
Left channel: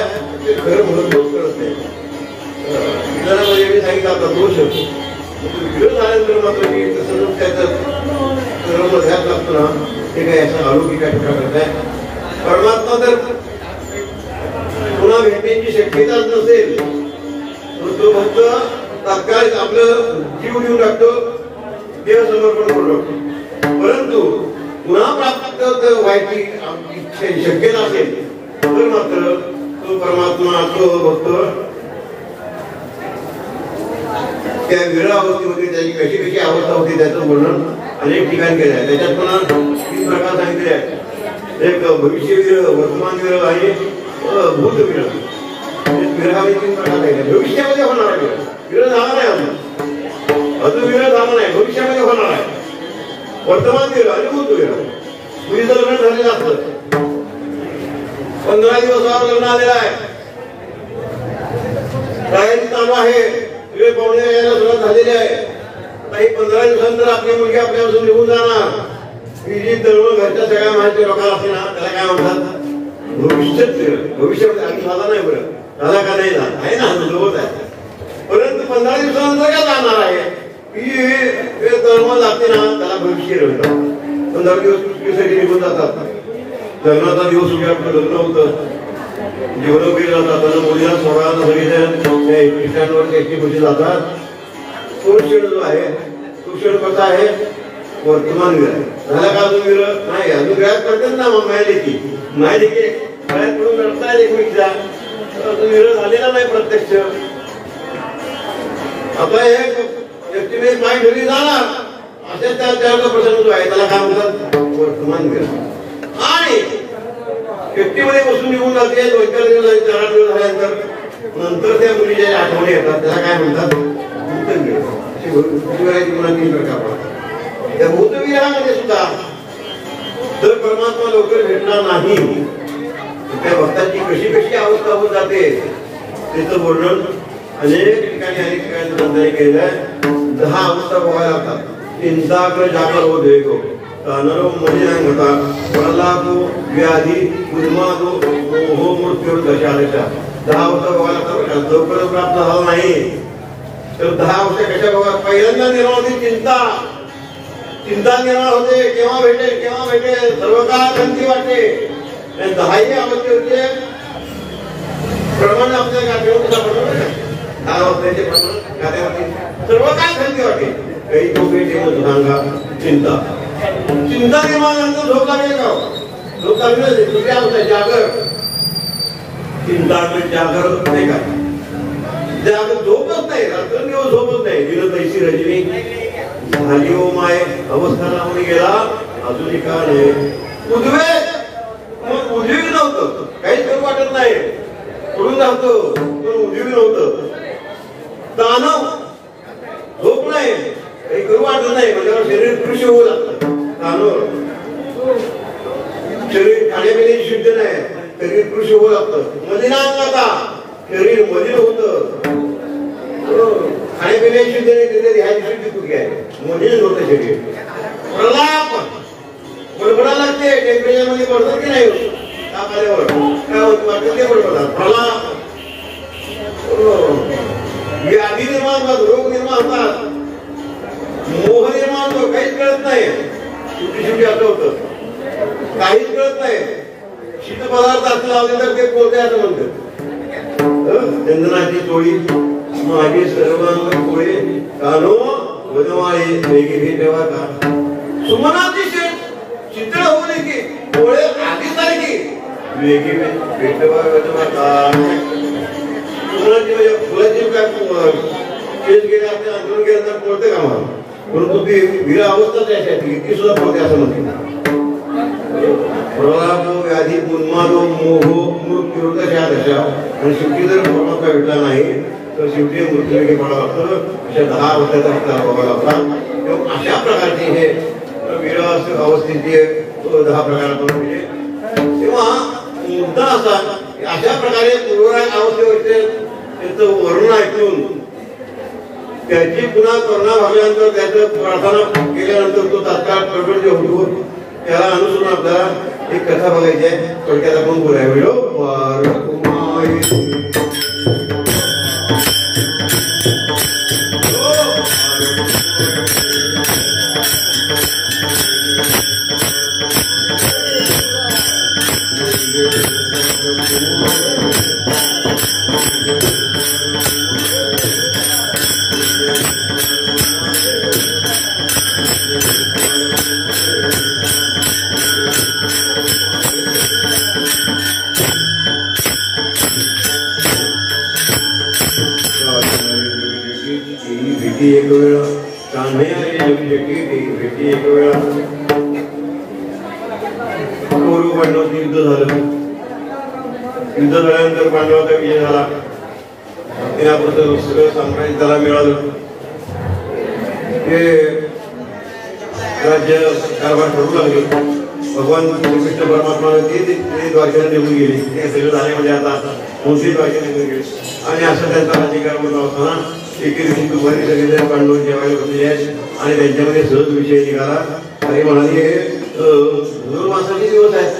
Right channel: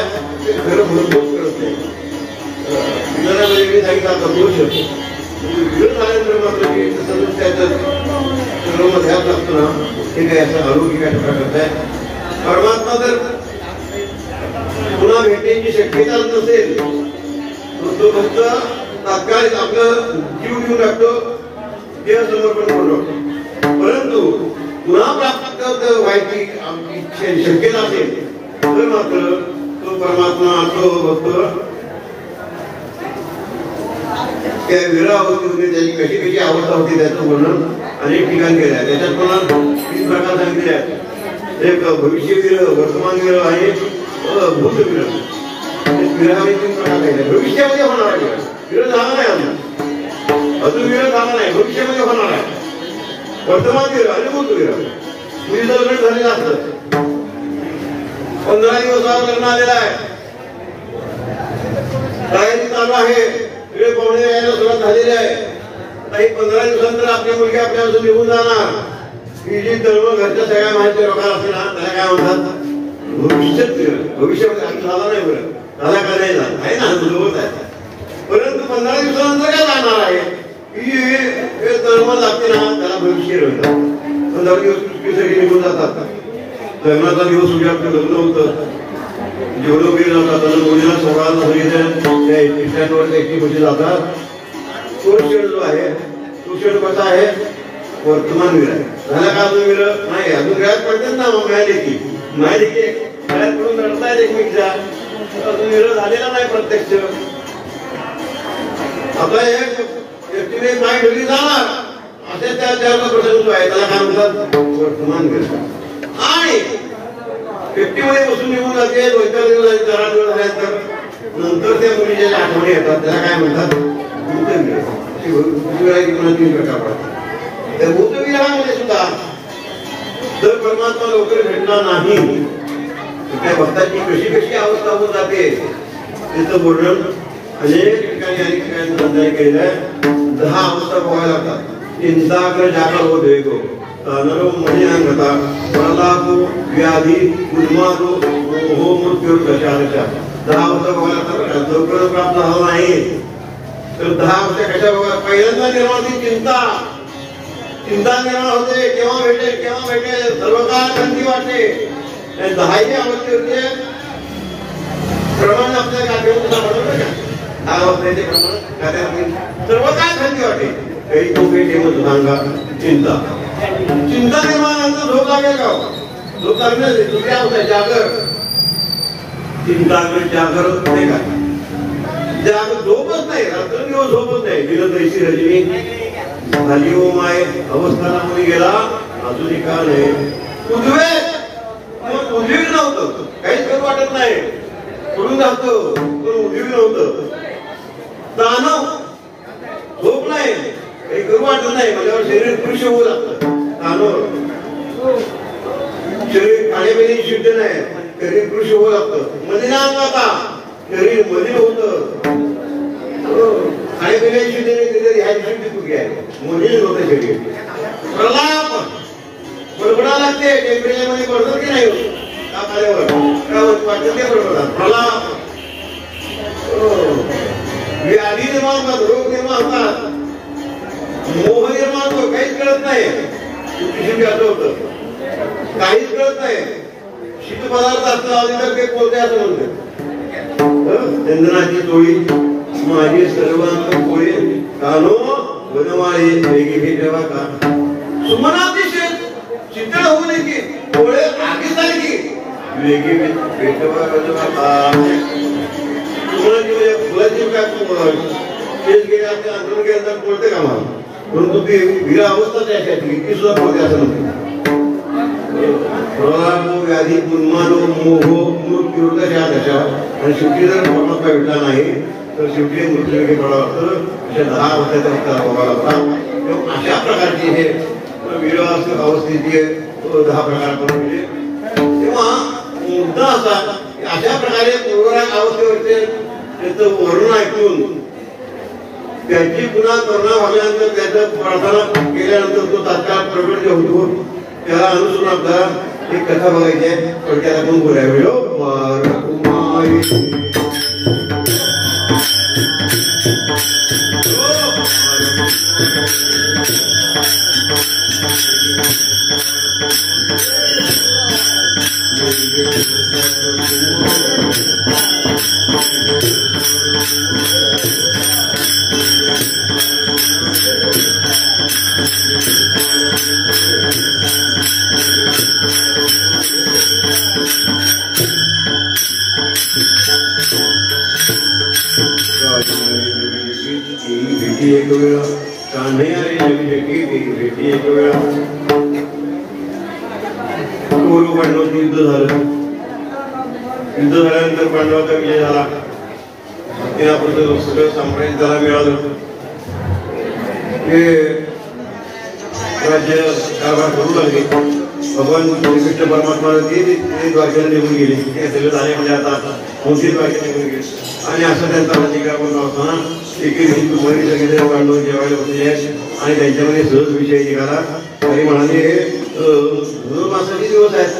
खरं भरपूर करत नाही. विधानामध्ये मी सांगितलं आता दोष विरोध झाल्यानंतर मात्र की तसं त्याचं सर्व ध्यान लागतं ना, ते काही असं अलौकिक प्रकारचं आहे. परमात्मा जर पुन्हा भेटण्याची शक्यता नसेल तो फक्त तात्काळ आपलं जीव घेऊन टाकतो, देह समर्पण करून टाकतो. परंतु पुन्हा प्राप्त व्हायची शक्यता असेल तर मात्र तो परमात्मा तो भक्त त्या विरह अवस्थेमध्ये त्याची कशी कशी अवस्था होती त्याचं वर्णन अनेक ठिकाणी केलं आहे. त्याच्यात पुन्हा 3 प्रकार सांगितले आहेत. एक भविष्य विरह, वर्तमान विरह आणि भूत विरह. विरहामध्ये 3 प्रकार आहेत. भविष्यामध्ये होणार आहे विरह झाला नाही, अजून विरह झाला नाही, भविष्यामध्ये होणार आहे. वर्तमान विरह आणि भूत विरह. तुझं लग्न झालेलं असतं, 15 दिवसावर लग्न आलेलं आहे, तयारी चालू आहे, सगळे पाहुणे यायला सुरुवात झालेली आहे. आता ही 15 दिवसानंतर आपली मुलगी आपल्यापासून निघून जाणार. ही जी तरुण घरच्या सगळ्या माहिती लोकांना असते ना, त्याला काय म्हणतात, भविष्यात विरह. भविष्यामध्ये आणखी झाला नाही, बरं झाला का नाही झाला आहे ना, होत आहे. परंतु 15 दिवसानंतर काय जाणार आहे, ही तरुण लागते ना, त्याला भविष्य म्हणतात. 15 दिवस चुकीसाठी निघून जातात. लग्नाचा दिवस उद्या आपलं लग्न होतं, जेवढं वेळ जातात मुलीला सोहळ्याला सगळीजण त्याची गोष्टी जातात. तो क्षण जो आहे तो क्षण कसा आहे, वर्तमान विरह. झाला का अजून विरह नाही, अजून विरहात पडतात ना माहिती की गळ्यात पडून लढतायत एकमेकीचा, अजून विरह झालेला नाही प्रत्यक्ष. आपला हे व्यक्तीने माय ठेवली जाणार असे त्याचा प्रसंग जो आहे त्याला काय म्हणतात, वर्तमान विरह. आणि व्यक्तीमध्ये बसून निघून जाते, 2-4 दिवस 4 दिवस झाल्यानंतर नंतर त्या मुलीच्या आठवणी येतात, त्याला काय म्हणतात, भूतविरह. असे भूतविरहाचे 3 प्रकार पडतात. त्या भूतविरहामध्ये सुद्धा जर परमात्मा लवकर भेटणार नाही त्या भक्ताची कशी कशी अवस्था होऊन जाते त्याचं वर्णन अनेक ठिकाणी केलेलं आहे. 10 अवस्था बघायला लागतात. चिंताग्र जागर हो देखो नरो मलिनांगता प्रलापो व्याधी उन्मादो मोह मृत्यू दशा 10 अवस्था बघायला लागतात. लवकर प्राप्त झाला नाही तर 10 अवस्था कशा बघा. पहिल्यांदा निर्माण होती चिंता निर्माण होते, केव्हा भेटेल सर्व काळ थंडी वाटते. 10ही अवस्थेचे प्रमाण आपल्या गाठीवर सापडतं. 10 अवस्थेचे प्रमाण गाठीवर सर्व काळ थंडी वाटते. काही तो भेटे सांगा चिंता निर्माण नंतर झोप लागेल का, झोप लागेल. दुसरी अवस्था जागर. चिंता जागर नाही का, जागर झोपच नाही, रात्रंदिवस झोपच नाही. दिलं तैशी रजनी झाली ओ माय अवस्था लागून गेला अजूनही का नाही. उद्वेग नव्हतं, काहीच करू वाटत नाही, पडून जातो पण उद्वेग नव्हतं. ताणव झोप नाही, काही करू वाटत नाही म्हणजे शरीर कृष होऊ लागतं. ताणव शरीर खाण्यापिण्याची शुद्ध नाही, शरीर कृष होऊ लागतं. मलिनांगता शरीर मलिन होतं, खाण्यापिण्याची शुद्ध नाही, ह्याची शुद्धी कुठे आहे, मलिन होतं शरीर. प्रलाप बडबडा लागते, टेम्परेचर मध्ये पडतात की नाही, ताप आल्यावर काय वाटतं ते बडबडतात. प्रलाप व्याधी निर्माण होतात, रोग निर्माण होतात, मोह निर्माण होतो, काहीच कळत नाही. शेवटी असं होतं, काहीच कळत नाही. शीत पदार्थ असं लावले तर ते कोणते असं म्हणतात. चंदनाची टोळी माझी सर्वांग पोळे कानो बनवाळे वेगे हे जेव्हा का सुमनाची चित्र होऊ नये की डोळे आगीच झाले की वेगे भेटवा का सुमनाची म्हणजे फुलाची काय केस गेले आपल्या आंदोलन केल्यानंतर बोलते का मला, परंतु ती विरा अवस्थाच आहे ती सुद्धा बोलते असं म्हणते. प्रलाप व्याधी उन्माद मोह मृत्यू करायचं आणि शेवटी जर परमात्मा भेटला नाही तर शेवटी मृत्यूमुखी पडावं लागतं. अशा 10 वर्षाचा अवतार बघायला लागला. तेव्हा अशा प्रकारचे हे विरह अवस्थेचे 10 प्रकार करून दिले. तेव्हा मुद्दा असा अशा प्रकारे अवस्थेवरचे त्याचं वर्णन ऐकून त्याची पुन्हा करुणा भागल्यानंतर त्याचं प्रार्थना केल्यानंतर तो तात्काळ प्रकट होतो. त्याला अनुसरून आपल्याला एक कथा बघायची आहे. थोडक्यात आपण बोलाय एक वेळा पूर्व पांडवांचं युद्ध झालं. युद्ध झाल्यानंतर पांडवांचा विजय झाला. सगळं साम्राज्य त्याला मिळालं. हे राज्य कारभार करू लागले. भगवान श्रीकृष्ण परमात्मा द्वारकेला निघून गेली. हे सगळं झाले म्हणजे आता मोठी द्वारकेला निघून गेली आणि असं त्यांचा राज्यकारभार होत असताना एके दिवशी तुम्हाला सगळे पांडव जेवायला बसले आहेत आणि त्यांच्यामध्ये सहज विषय निघाला. आणि म्हणाले धनुर्मासाचे दिवस आहेत,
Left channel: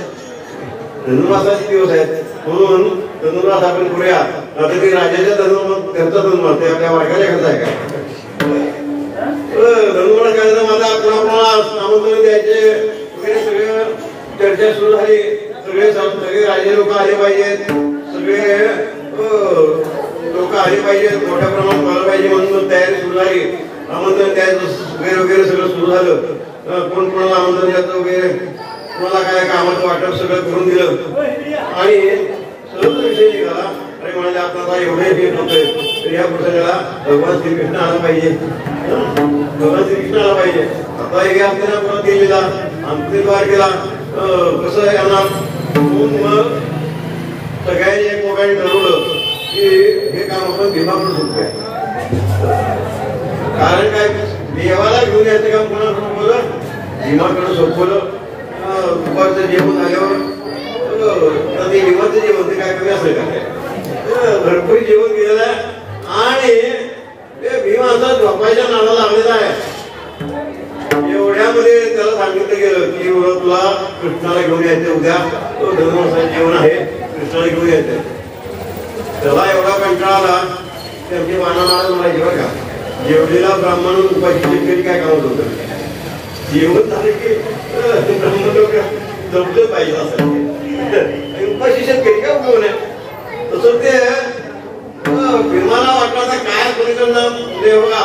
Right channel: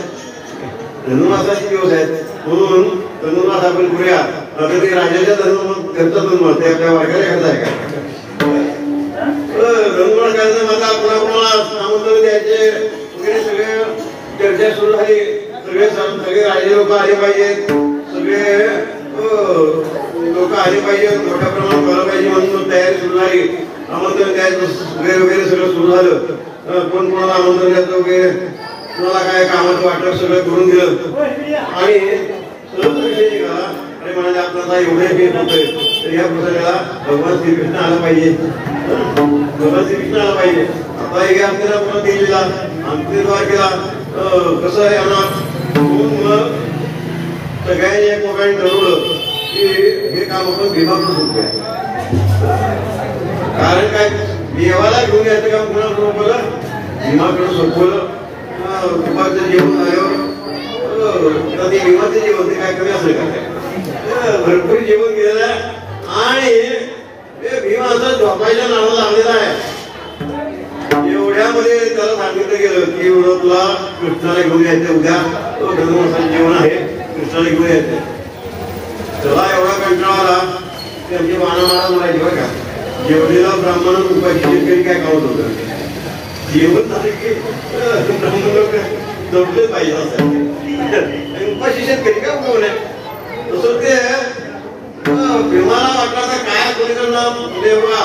धनुर्मासाचे दिवस आहेत म्हणून धनुर्मास आपण करूया. आता ते राजाच्या त्यांचा धनुर्मास ते आपल्या वारकाच्या कसा आहे का धनुर्मास करायचं माझा आपण आमंत्रण द्यायचे वगैरे सगळे चर्चा सुरू झाली. सगळे राजे लोक आले पाहिजेत, सगळे लोक आले पाहिजेत, मोठ्या प्रमाणात झालं पाहिजे म्हणून तयारी सुरू झाली. आमंत्रण द्यायचं वगैरे सगळं सुरू झालं. कोण कोणाला आमंत्रण द्यायचं वगैरे कोणाला काय कामाचं वाटप सगळं करून दिलं आणि सहज विषय निघाला. आणि म्हणाले आपल्याला एवढे हे होतंय तर या प्रसंगाला भगवान श्रीकृष्ण आला पाहिजे, भगवान श्रीकृष्ण आला पाहिजे. आता हे आपल्याला कोण दिलेला आमचे द्वारकेला कसं आहे आम्हाला सगळ्यांनी एक मोबाईल ठरवलं की हे काम आपण भीमाकडून सोपवूया. कारण काय देवाला घेऊन यायचं काम कुणाकडून सोपवलं, भीमाकडून सोपवलं. दुपारचं जेवण झाल्यावर ते भीमाचं जेवण ते काय कमी असं काय भरपूर जेवण गेलेलं आहे आणि भीमा असं झोपायच्या नावाला लागलेला आहे. एवढ्यामध्ये त्याला सांगितलं गेलं की तुला कृष्णाला घेऊन यायचं, उद्या तो धनुर्मासाचं जेवण आहे, कृष्णाला घेऊन यायचं. त्याला एवढा कंटाळा आला की आमची महाराज म्हणायची बरं का जेवलेला ब्राह्मण उपाशी काय काम होतं. जेवण झालं की ब्राह्मण लोक जमले पाहिजे असं उपाशी शेतकरी काय उपयोग नाही. तसं ते भीमाला वाटलं आता काय कोणीकडे बघा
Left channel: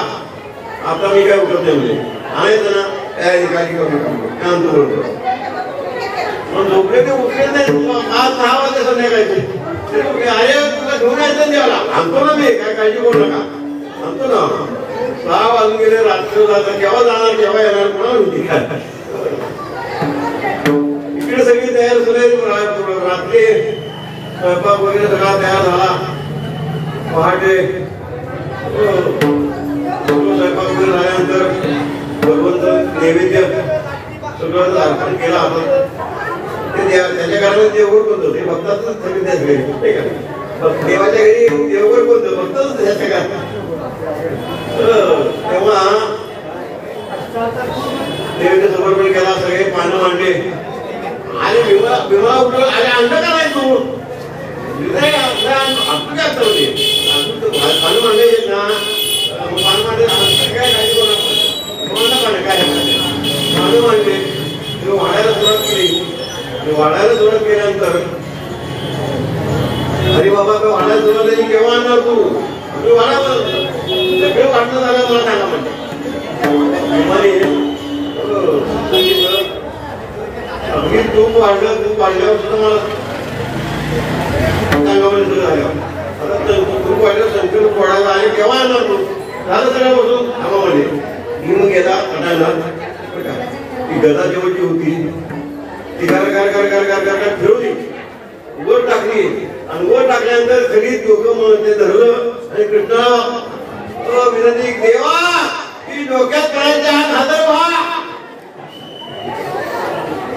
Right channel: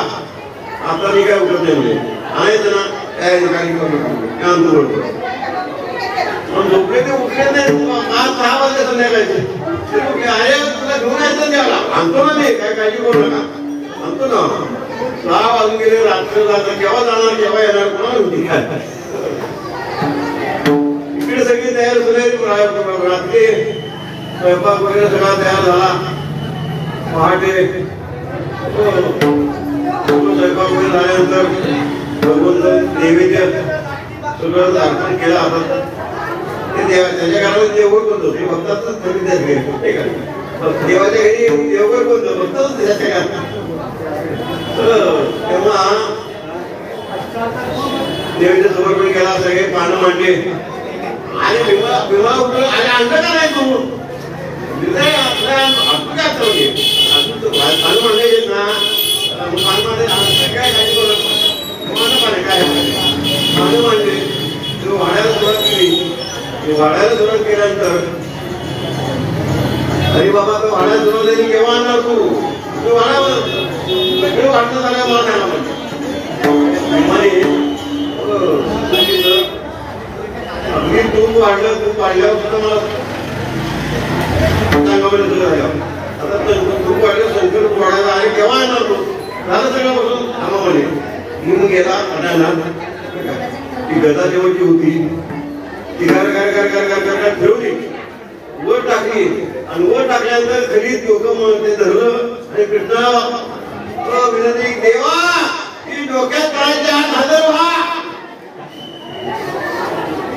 आता मी काय उठत नाही म्हणजे आणायचं ना त्या ठिकाणी झोपले ते उठले नाही. 5-6 वाजले संध्याकाळचे अरे तुला घेऊन यायचं द्याला आणतो ना मी काय काळजी करू नका आणतो ना. 6 वाजून गेले रात्र झालं केव्हा जाणार केव्हा येणार कोणाला होती काय इकडे सगळी तयार झाले. रात्री स्वयंपाक वगैरे सगळा तयार झाला. पहाटे स्वयंपाक वगैरे झाल्यानंतर भगवंत नैवेद्य सगळं अर्पण केलं. आपण त्याच्या घरामध्ये देवघर कोणतं ते भक्तातच कमी त्याच घरी देवाच्या घरी देवघर कोणतं भक्तच त्याच्या घरात. तेव्हा नैवेद्य समर्पण केला, सगळे पानं मांडले आणि भीमा उठलं आणि आणलं का नाही तू आपण काय असतं म्हणजे पानं मांडायचे ना पानं मांडले काय काळजी करू नका पानं काय पानं मांडले वाढायला सुरुवात केली. वाढायला सुरुवात केल्यानंतर अरे बाबा तो वाढायला सुरुवात झाली केव्हा आणणार तू वाढावं सगळे वाटणं झालं मला सांगा म्हणजे अगदी तूप वाढल्यावर सुद्धा मला सांगा म्हणजे आता तूप वाढलं संकल्प वाढायला आणि केव्हा आणणार तू झालं सगळं बसून आम्हा म्हणजे घेऊन गेला आणायला. ती गदा जेवढची होती ती फिरवली वर टाकली टाकली आणि वर टाकल्यानंतर खरी डोकं ते धरलं आणि कृष्णा विनंती देवा की डोक्यात पडायच्या आत हजर व्हा.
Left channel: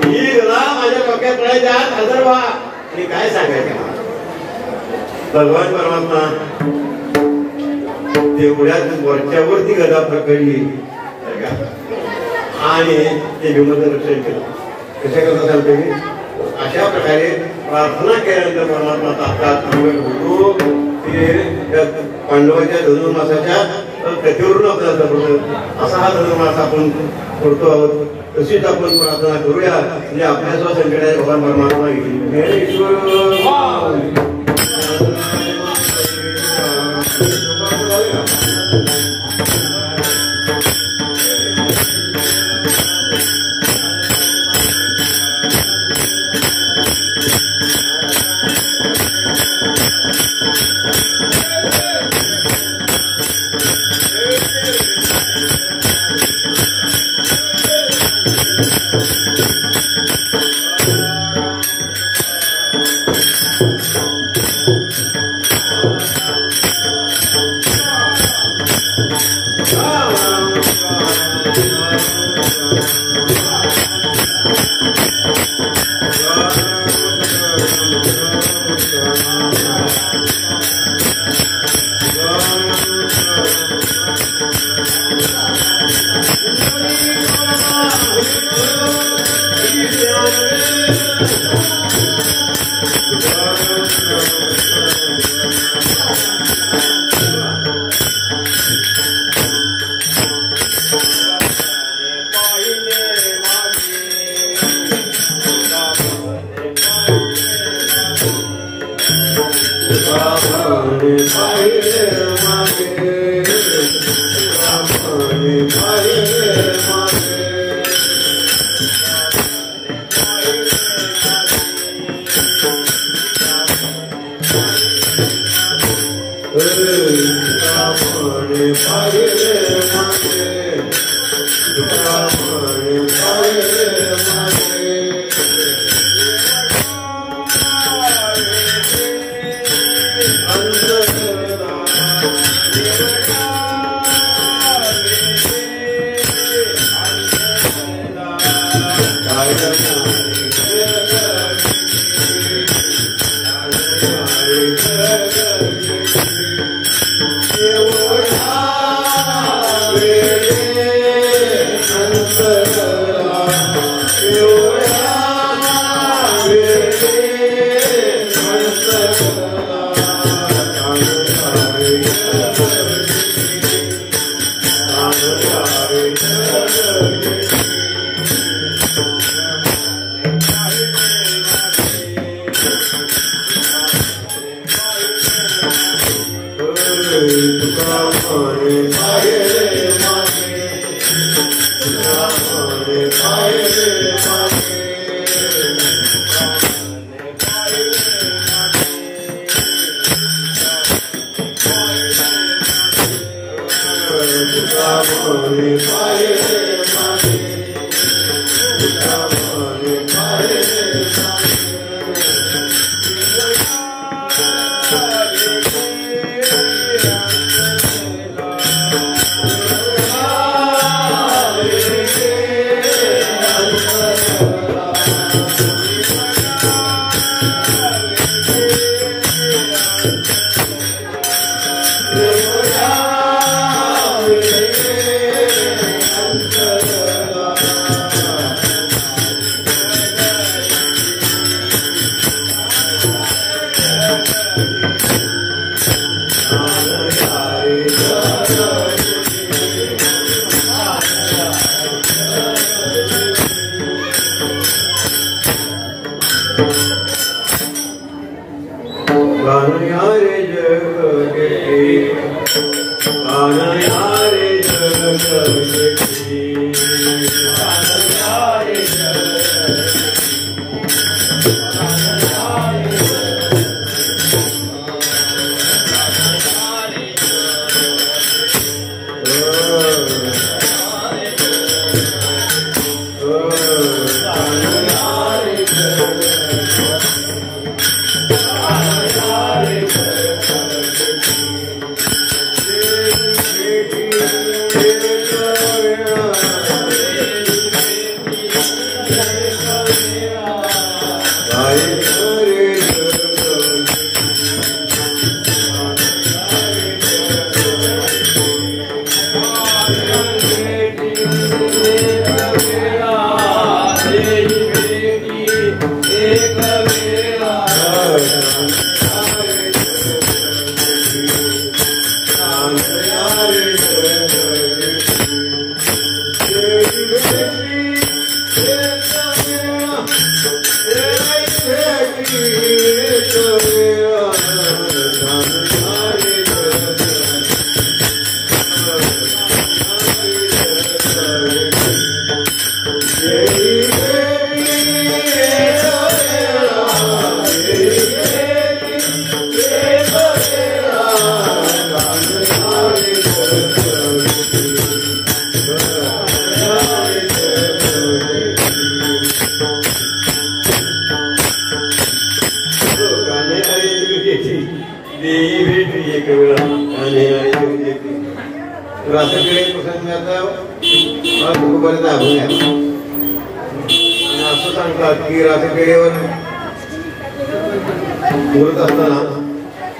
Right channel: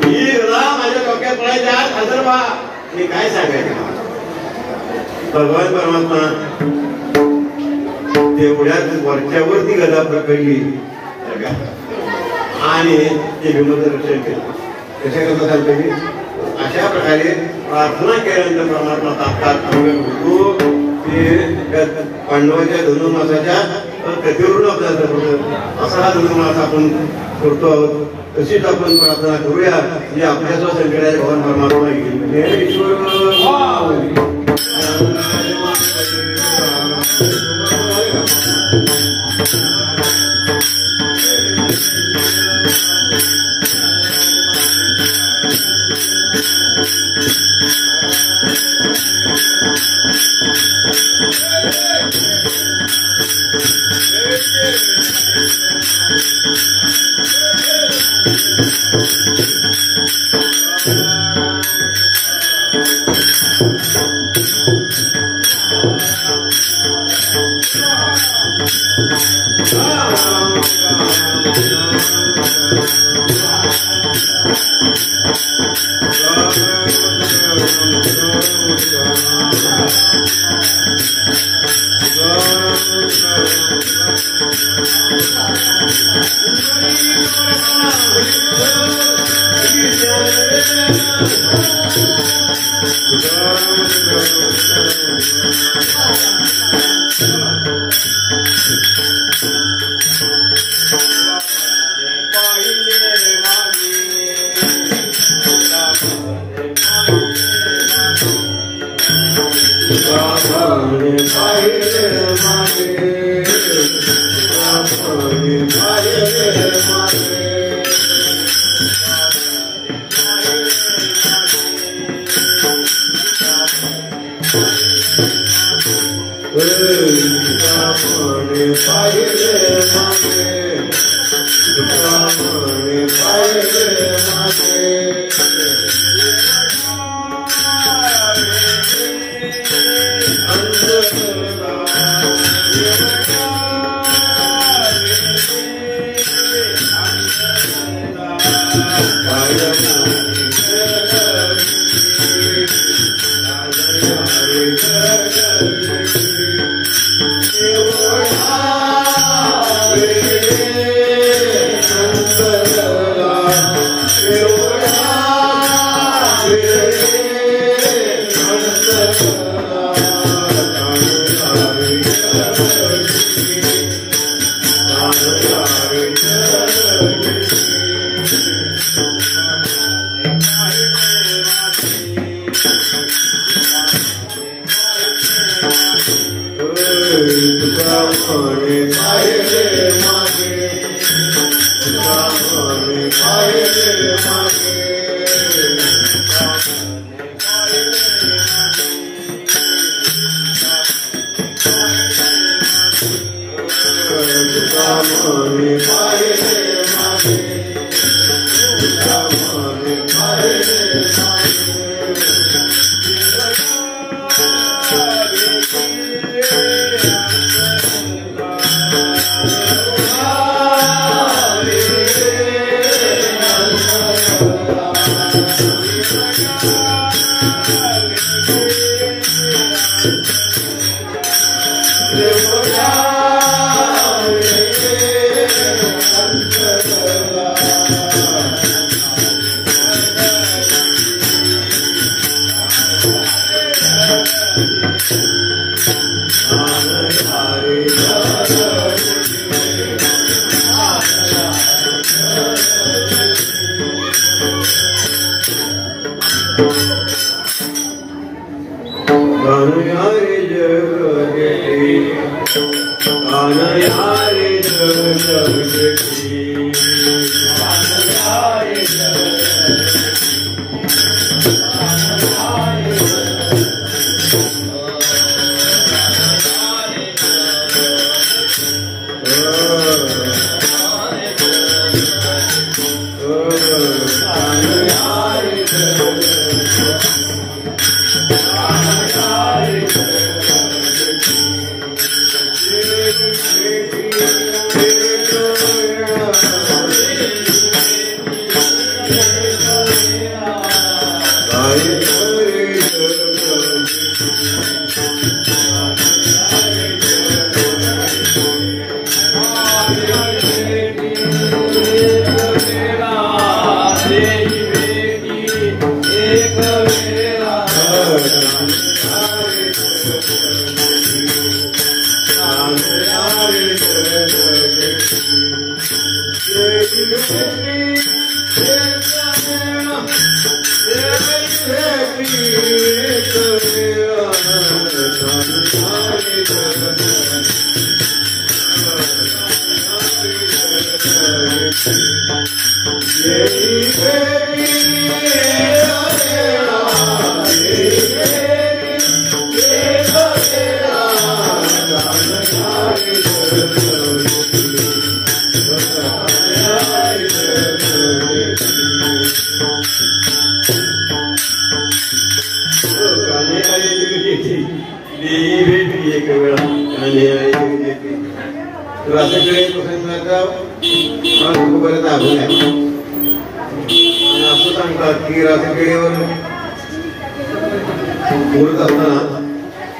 ही माझ्या डोक्यात पडायच्या आत हजर व्हा. आणि काय सांगायचं भगवान परमात्मा तेवढ्याच वरच्यावर ती गदा पकडली आणि ते भीमाचं रक्षण केलं. कशा करता सांगतो मी अशा प्रकारे प्रार्थना केल्यानंतर परमात्मा तात्काळ होतो. ते पांडवाच्या धनुर्मासाच्या कथेवरून आपल्याला असा हा धनुर्मास आपण करतो आहोत. तशीच आपण प्रार्थना करूया म्हणजे आपल्या संकटाचे भगवान परमात्मा येईल.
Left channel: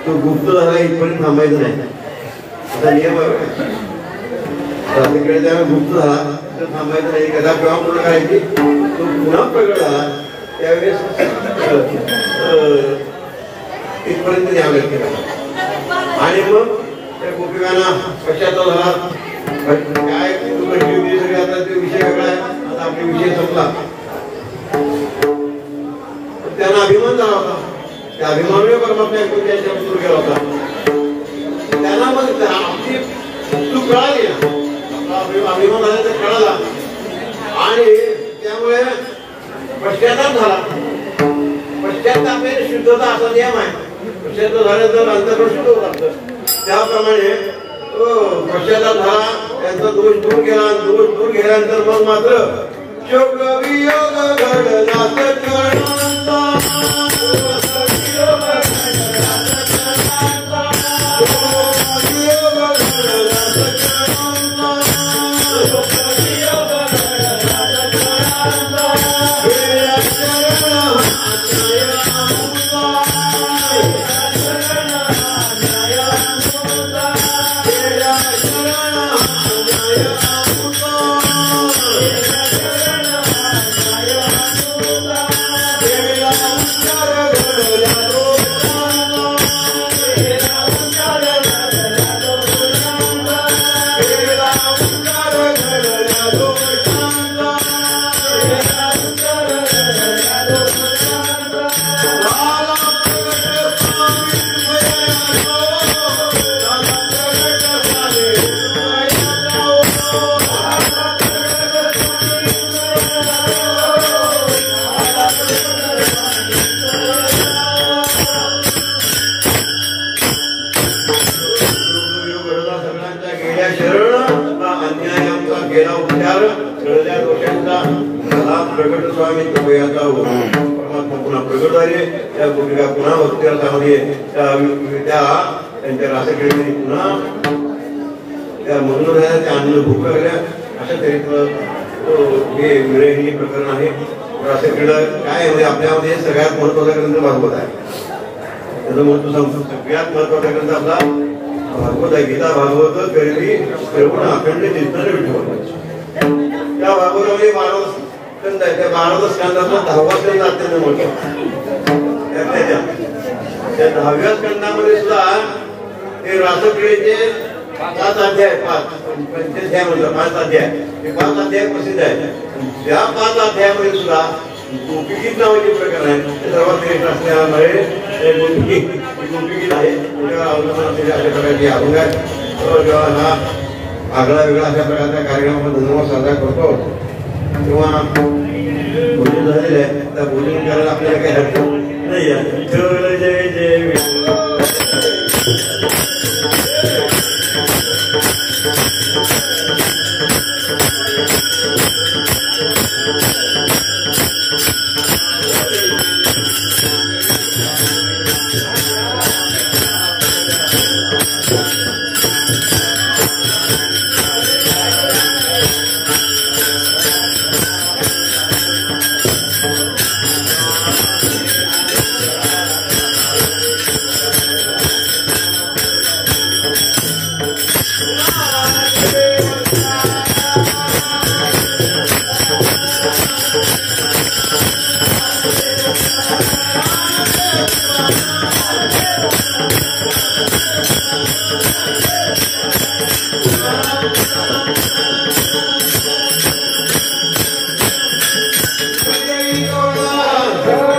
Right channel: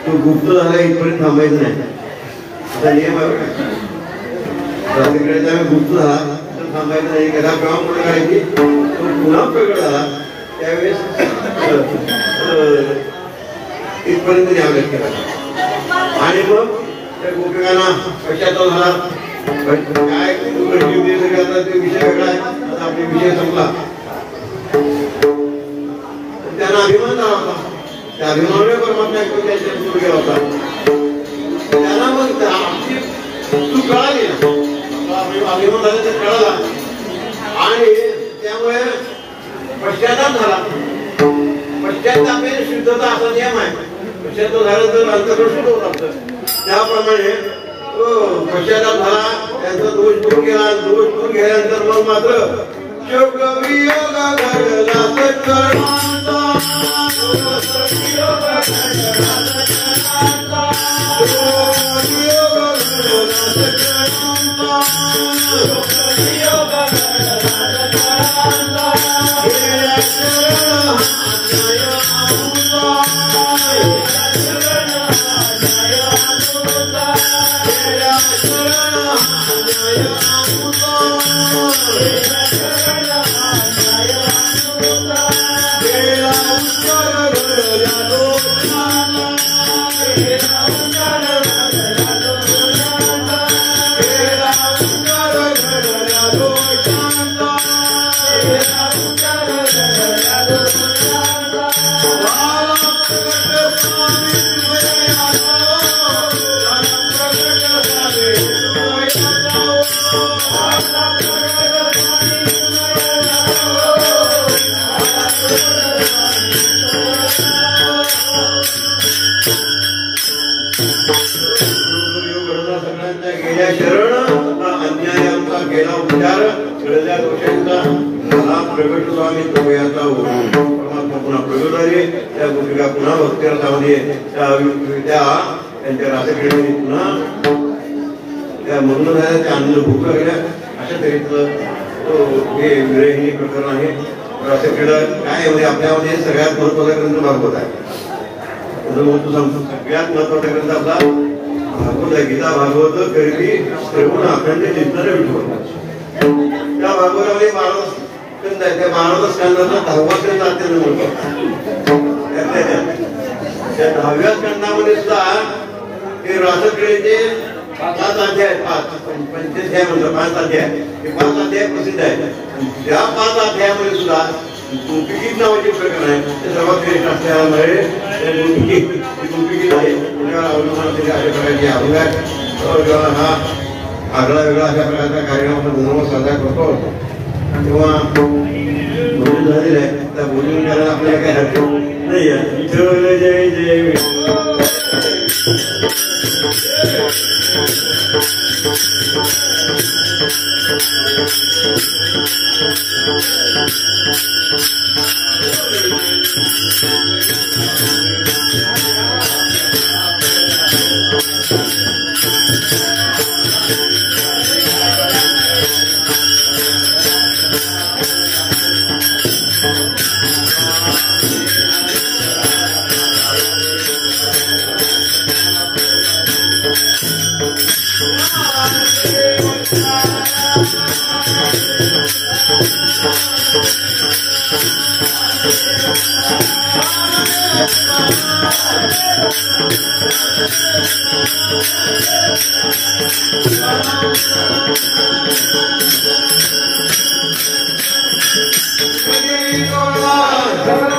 तो गुप्त झाला इथपर्यंत थांबायचं नाही. आता नियम गुप्त झाला तर थांबायचं नाही. कदा प्रमाण पूर्ण करायची तो पुन्हा प्रकट झाला त्यावेळेस इथपर्यंत न्यावं केला. आणि मग त्या गोपिकांना कशाचा झाला काय आता तो विषय वेगळा आहे. आता आपला विषय संपला. त्यांना अभिमान झाला होता. त्या अभिमानामुळे परमात्मा त्यांच्या सुरू केला होता. त्यांना मग आमची चूक कळाली ना. अभिमान झाला तर कळाला आणि त्यामुळे पश्चाताप झाला. पश्चाताप हे शुद्धता असा नियम आहे. पश्चाताप झाला तर अंतःकरण शुद्ध होत असतं. त्याप्रमाणे पश्चाताप झाला. त्यांचा दोष दूर केला. दोष दूर केल्यानंतर मग मात्र शोक वियोग घडला सकाळचा. त्यांच्या रासक्रीडेने पुन्हा त्या मनोहराच्या अन्न भूक लागल्या अशा तऱ्हेचं हे विरहिणी प्रकरण आहे. रासक्रीडा काय म्हणजे आपल्यामध्ये सगळ्यात महत्वाचा ग्रंथ भागवत आहे. त्याचं महत्व सांगतो. सगळ्यात महत्वाचा ग्रंथ आपला भागवत आहे. गीता भागवत गरिबी श्रवण अखंड चिंतन विठ्ठल. त्या भागवतामध्ये 12 स्कंद आहे. त्या 12 स्कंदाचा 10वा स्कंद अत्यंत महत्वाचा. त्या 10व्या स्कंदामध्ये सुद्धा ते रासक्रीडेचे 5 अध्याय 5 म्हणजे 5 अध्याय हे 5 अध्याय प्रसिद्ध आहेत. त्या 5 अध्यायामध्ये सुद्धा गोपिकीत नावाचे प्रकार आहे. ते सर्वात श्रेष्ठ असल्यामुळे गोपिकीत आहे. त्याच्यावर अवलंबून असलेल्या अशा प्रकारचे अभंग आहेत. जेव्हा हा आगळा वेगळा अशा प्रकारचा कार्यक्रम आपण धन्यवाद साजरा करतो तेव्हा बोलून झालेलं आहे. त्या बोलून करायला आपल्याला काही हरकत नाही आहे. विठ्ठल जय जय विठ्ठल. Jai